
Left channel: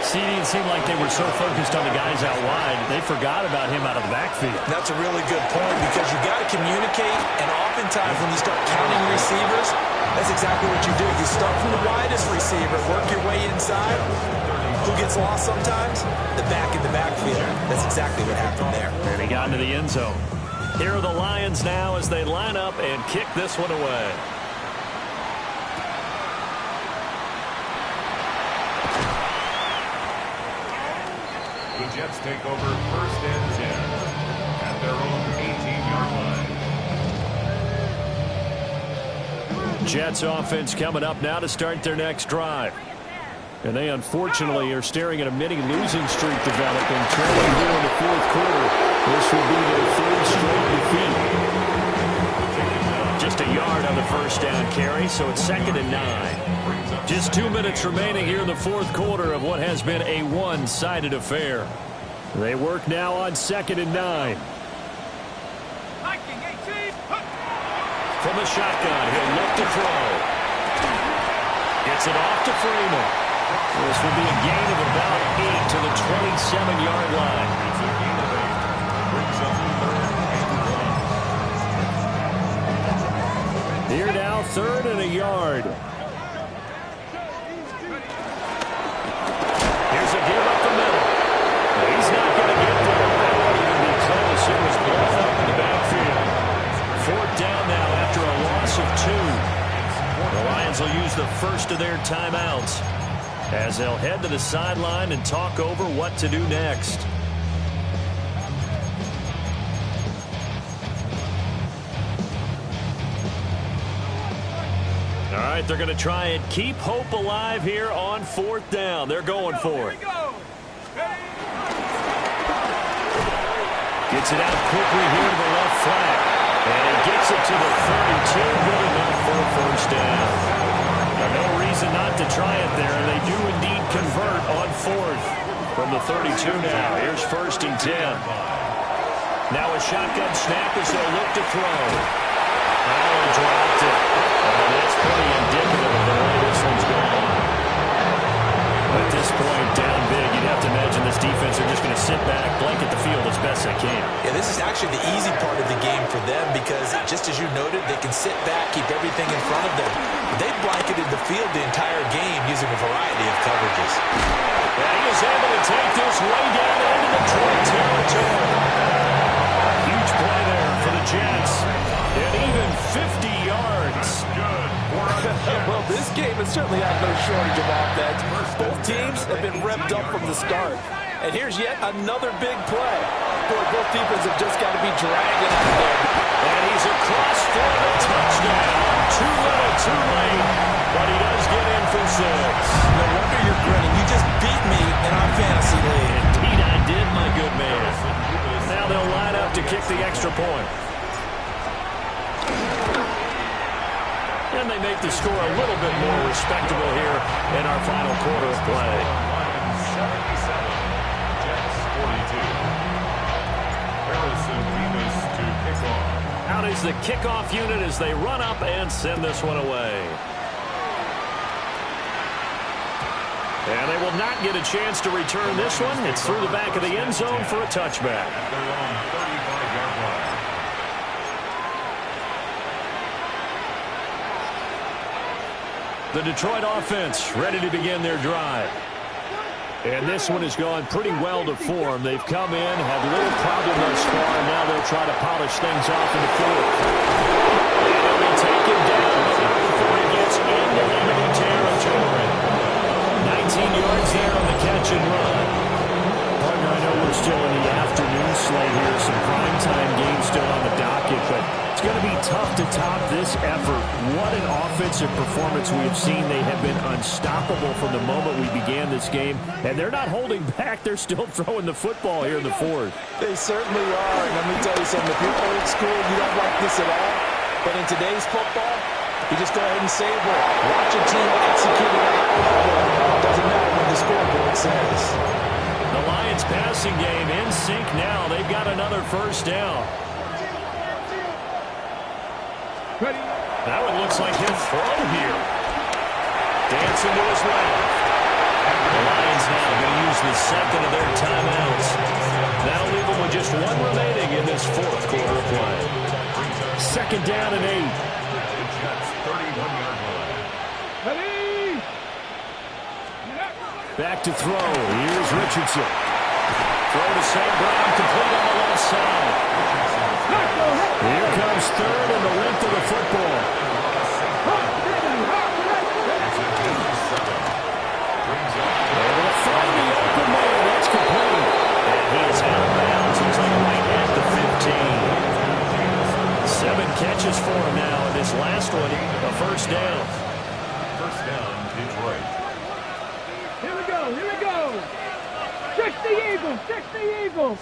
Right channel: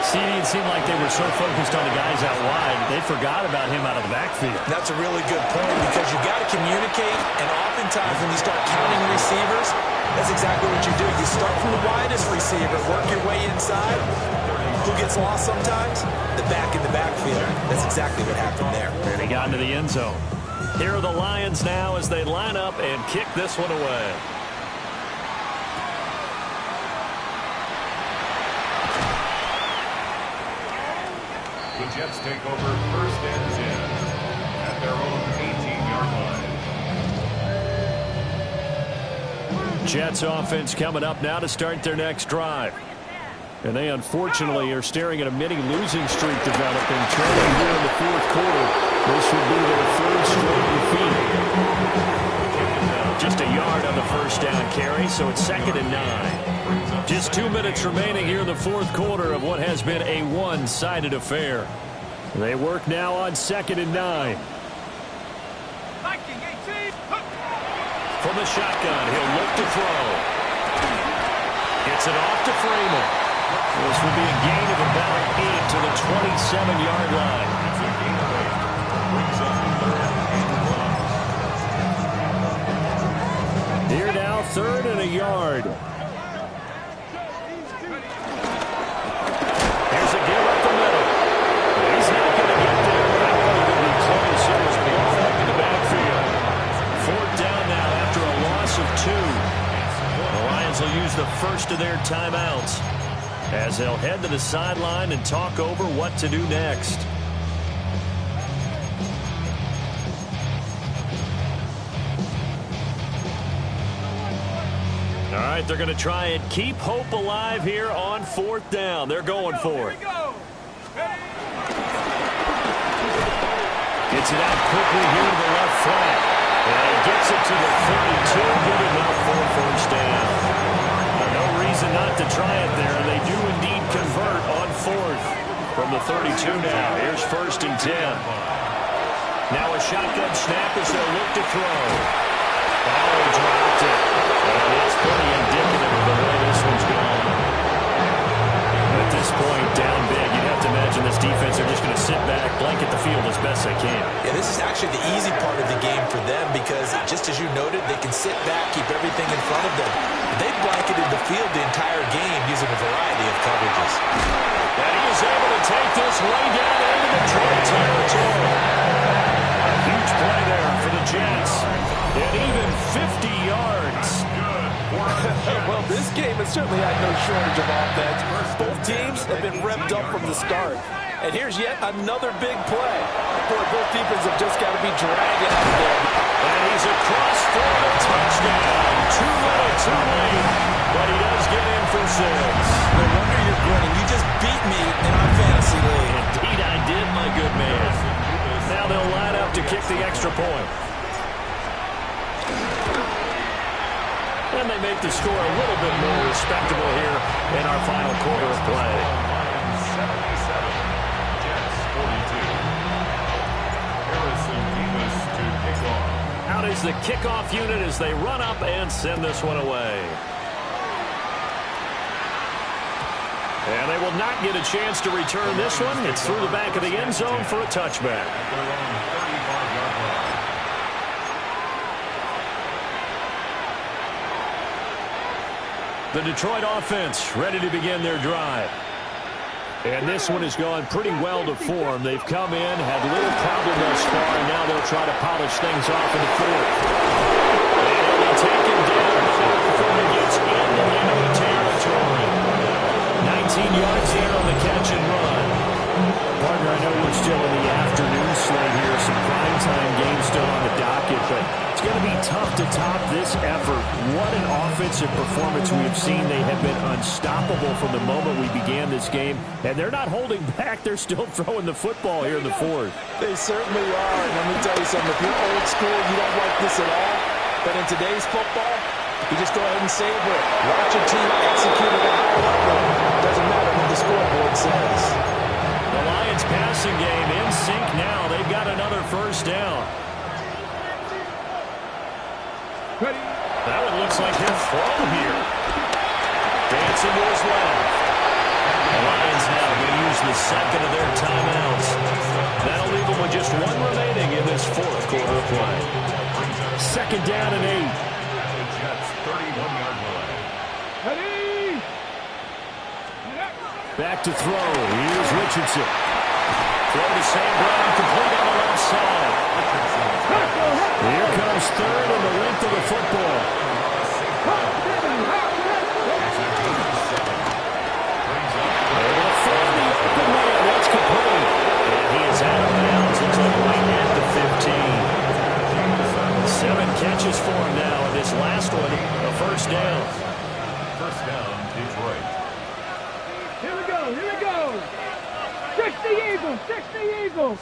CD, it seemed like they were so focused on the guys out wide, they forgot about him out of the backfield. That's a really good point because you've got to communicate, and oftentimes when you start counting receivers, that's exactly what you do. You start from the widest receiver, work your way inside. Who gets lost sometimes? The back in the backfield. That's exactly what happened there. And he got into the end zone. Here are the Lions now as they line up and kick this one away. The Jets take over 1st and 10 at their own 18-yard line. Jets offense coming up now to start their next drive. And they unfortunately are staring at a mini losing streak developing. Trailing here in the 4th quarter. This will be their 3rd straight defeat. Just a yard on the first down carry, so it's 2nd and 9. Just 2 minutes remaining here in the 4th quarter of what has been a one-sided affair. They work now on 2nd and 9. From the shotgun, he'll look to throw. Gets it off to Freeman. This will be a gain of about 8 to the 27-yard line. It's a gain of 8. Brings up 3rd and 1. Here now, 3rd and a yard. Here's a give up the middle. He's not going to get there. That won't even be close. It was blown up in the backfield. 4th down now after a loss of 2. The Lions will use the first of their timeouts. as they'll head to the sideline and talk over what to do next. All right, they're going to try and keep hope alive here on 4th down. They're going for it. Gets it out quickly here to the left flank. And he gets it to the 32. Good enough for a 1st down. No reason not to try it there. And they do indeed convert on 4th from the 32 now. Here's 1st and 10. Now a shotgun snap as they'll look to throw. Oh, he dropped it. And it's pretty indicative of the way this one's gone. At this point, down big, you'd have to imagine this defense are just going to sit back, blanket the field as best they can. Yeah, this is actually the easy part of the game for them because, just as you noted, they can sit back, keep everything in front of them. They've blanketed the field the entire game using a variety of coverages. And he is able to take this way down into Detroit territory. A huge play there for the Jets. And even 50 yards. Well, this game has certainly had no shortage of offense. Both teams have been revved up from the start. And here's yet another big play. Boy, both defenses have just got to be dragging out of there. And he's across for the touchdown. Too little, too late. But he does get in for 6. No wonder you're grinning. You just beat me in our fantasy league. Indeed I did, my good man. Now they'll line up to kick the extra point. And they make the score a little bit more respectable here in our final quarter of play. Lions 77, Jets 42. Harrison Beavis to kick off. Out is the kickoff unit as they run up and send this one away. And they will not get a chance to return this one. It's through the back of the end zone for a touchback. At their own 35-yard line. The Detroit offense ready to begin their drive. And this one has gone pretty well to form. They've come in, had little problem thus far, and now they'll try to polish things off into 4th. And he'll be taken down, but not before he gets into enemy territory. 19 yards there on the catch and run. Partner, I know we're still in the afternoon slate here. Some primetime games still on the docket, but it's going to be tough to top this effort. What an offensive performance we have seen. They have been unstoppable from the moment we began this game, and they're not holding back. They're still throwing the football here in the 4th. They certainly are. And let me tell you something. If you're old school, you don't like this at all. But in today's football, you just go ahead and savor it. Watch a team execute at a high level. Doesn't matter what the scoreboard says. The Lions passing game in sync now. They've got another 1st down. Ready. That one looks like he'll throw here. Dancing to his left. The Lions now going to use the second of their timeouts. That'll leave them with just one remaining in this 4th quarter of play. 2nd down and 8. The Jets 31-yard line. Ready. Back to throw. Here's Richardson. Throw to St. Brown, complete on the left side. Here comes 3rd and the length of the football. Able to find the open man. That's complete. And he is out of bounds. Looks like right at the 15. 7 catches for him now. And this last one, a 1st down. 1st down, Detroit. Here we go. Here we go. 60 Eagles. 60 Eagles.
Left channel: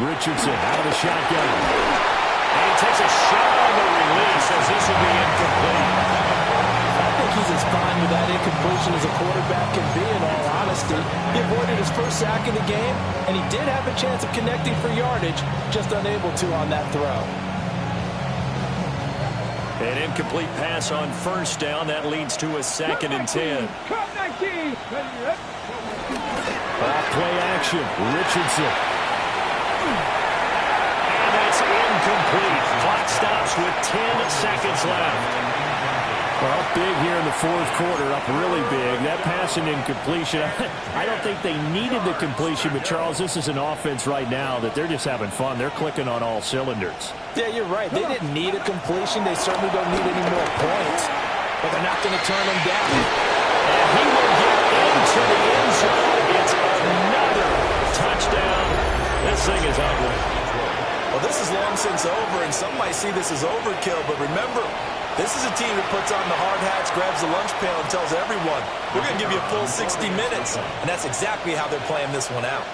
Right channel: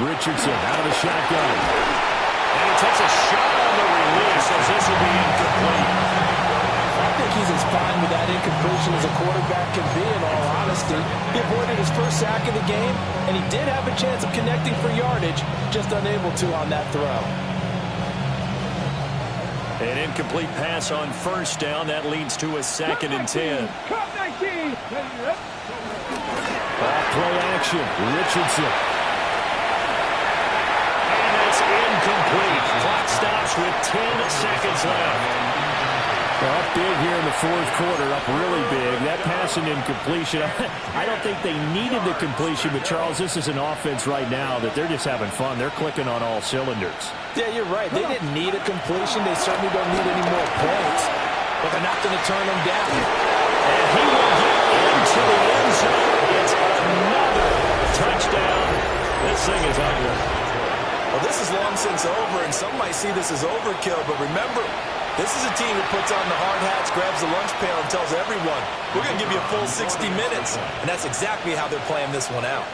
Richardson out of the shotgun. And he takes a shot on the release as this will be incomplete. I think he's as fine with that incompletion as a quarterback can be, in all honesty. He avoided his 1st sack of the game, and he did have a chance of connecting for yardage, just unable to on that throw. An incomplete pass on 1st down. That leads to a 2nd and 10. Cut 19. Ready. Off play action. Richardson. And that's incomplete. Clock stops with 10 seconds left. Well, up big here in the 4th quarter, up really big. That pass and incompletion, I don't think they needed the completion, but Charles, this is an offense right now that they're just having fun. They're clicking on all cylinders. Yeah, you're right. They didn't need a completion. They certainly don't need any more points, but they're not going to turn them down. And he will get in to the end zone. It's another touchdown. This thing is ugly. Well, this is long since over, and some might see this as overkill, but remember, this is a team that puts on the hard hats, grabs the lunch pail, and tells everyone, we're going to give you a full 60 minutes. And that's exactly how they're playing this one out.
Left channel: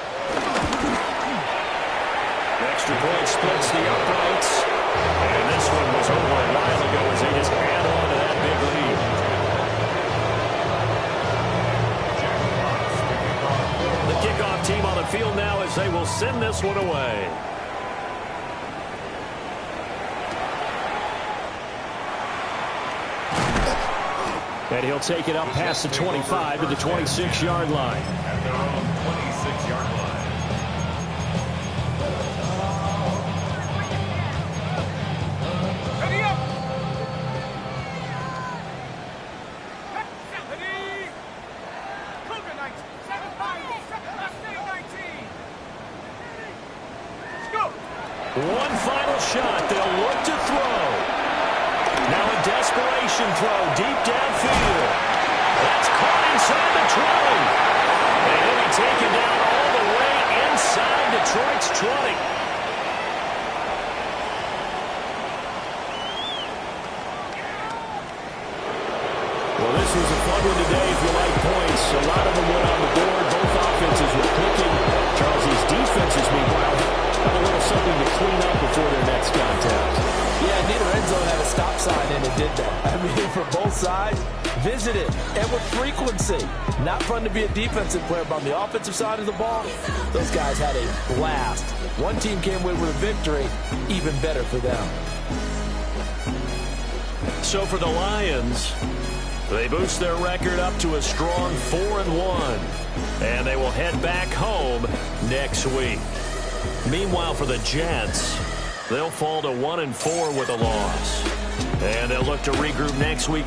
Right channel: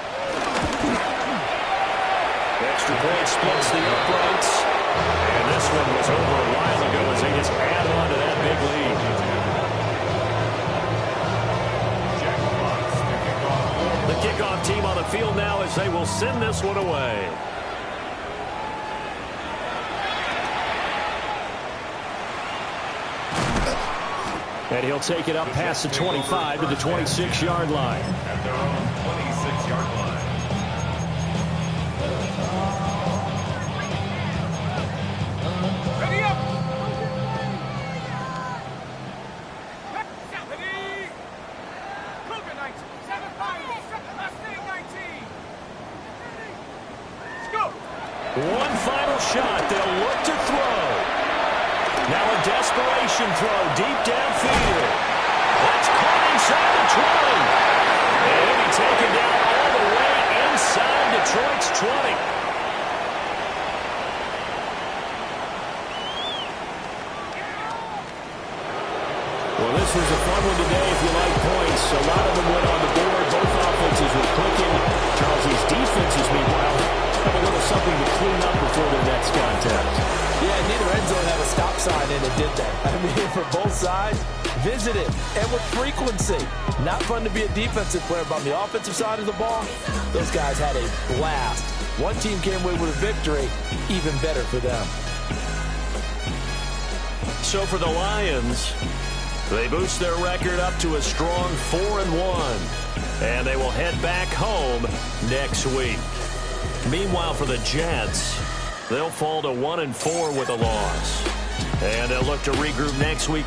Extra point splits the uprights. And this one was over a while ago as they just add on to that big lead. The kickoff team on the field now as they will send this one away. And he'll take it up past the 25 to the 26-yard line. At their own 26-yard line. Ready up! Cougar 19, 7-5, last name 19. Let's go! One final shot. They'll look to throw. Now a desperation throw deep downfield. That's caught inside the 20. And he'll be taken down all the way inside Detroit's 20. Well, this was a fun one today if you like points. A lot of them went on the board. Both offenses were clicking. Charles, these defenses, meanwhile, have a little something to clean up before their next contest. Yeah, neither end zone had a stop sign, and it did that. I mean, for both sides, visited, and with frequency. Not fun to be a defensive player, but on the offensive side of the ball, those guys had a blast. One team came away with a victory, even better for them. So for the Lions, they boost their record up to a strong 4-1, and they will head back home next week. Meanwhile, for the Jets, they'll fall to 1-4 with a loss, and they'll look to regroup next week.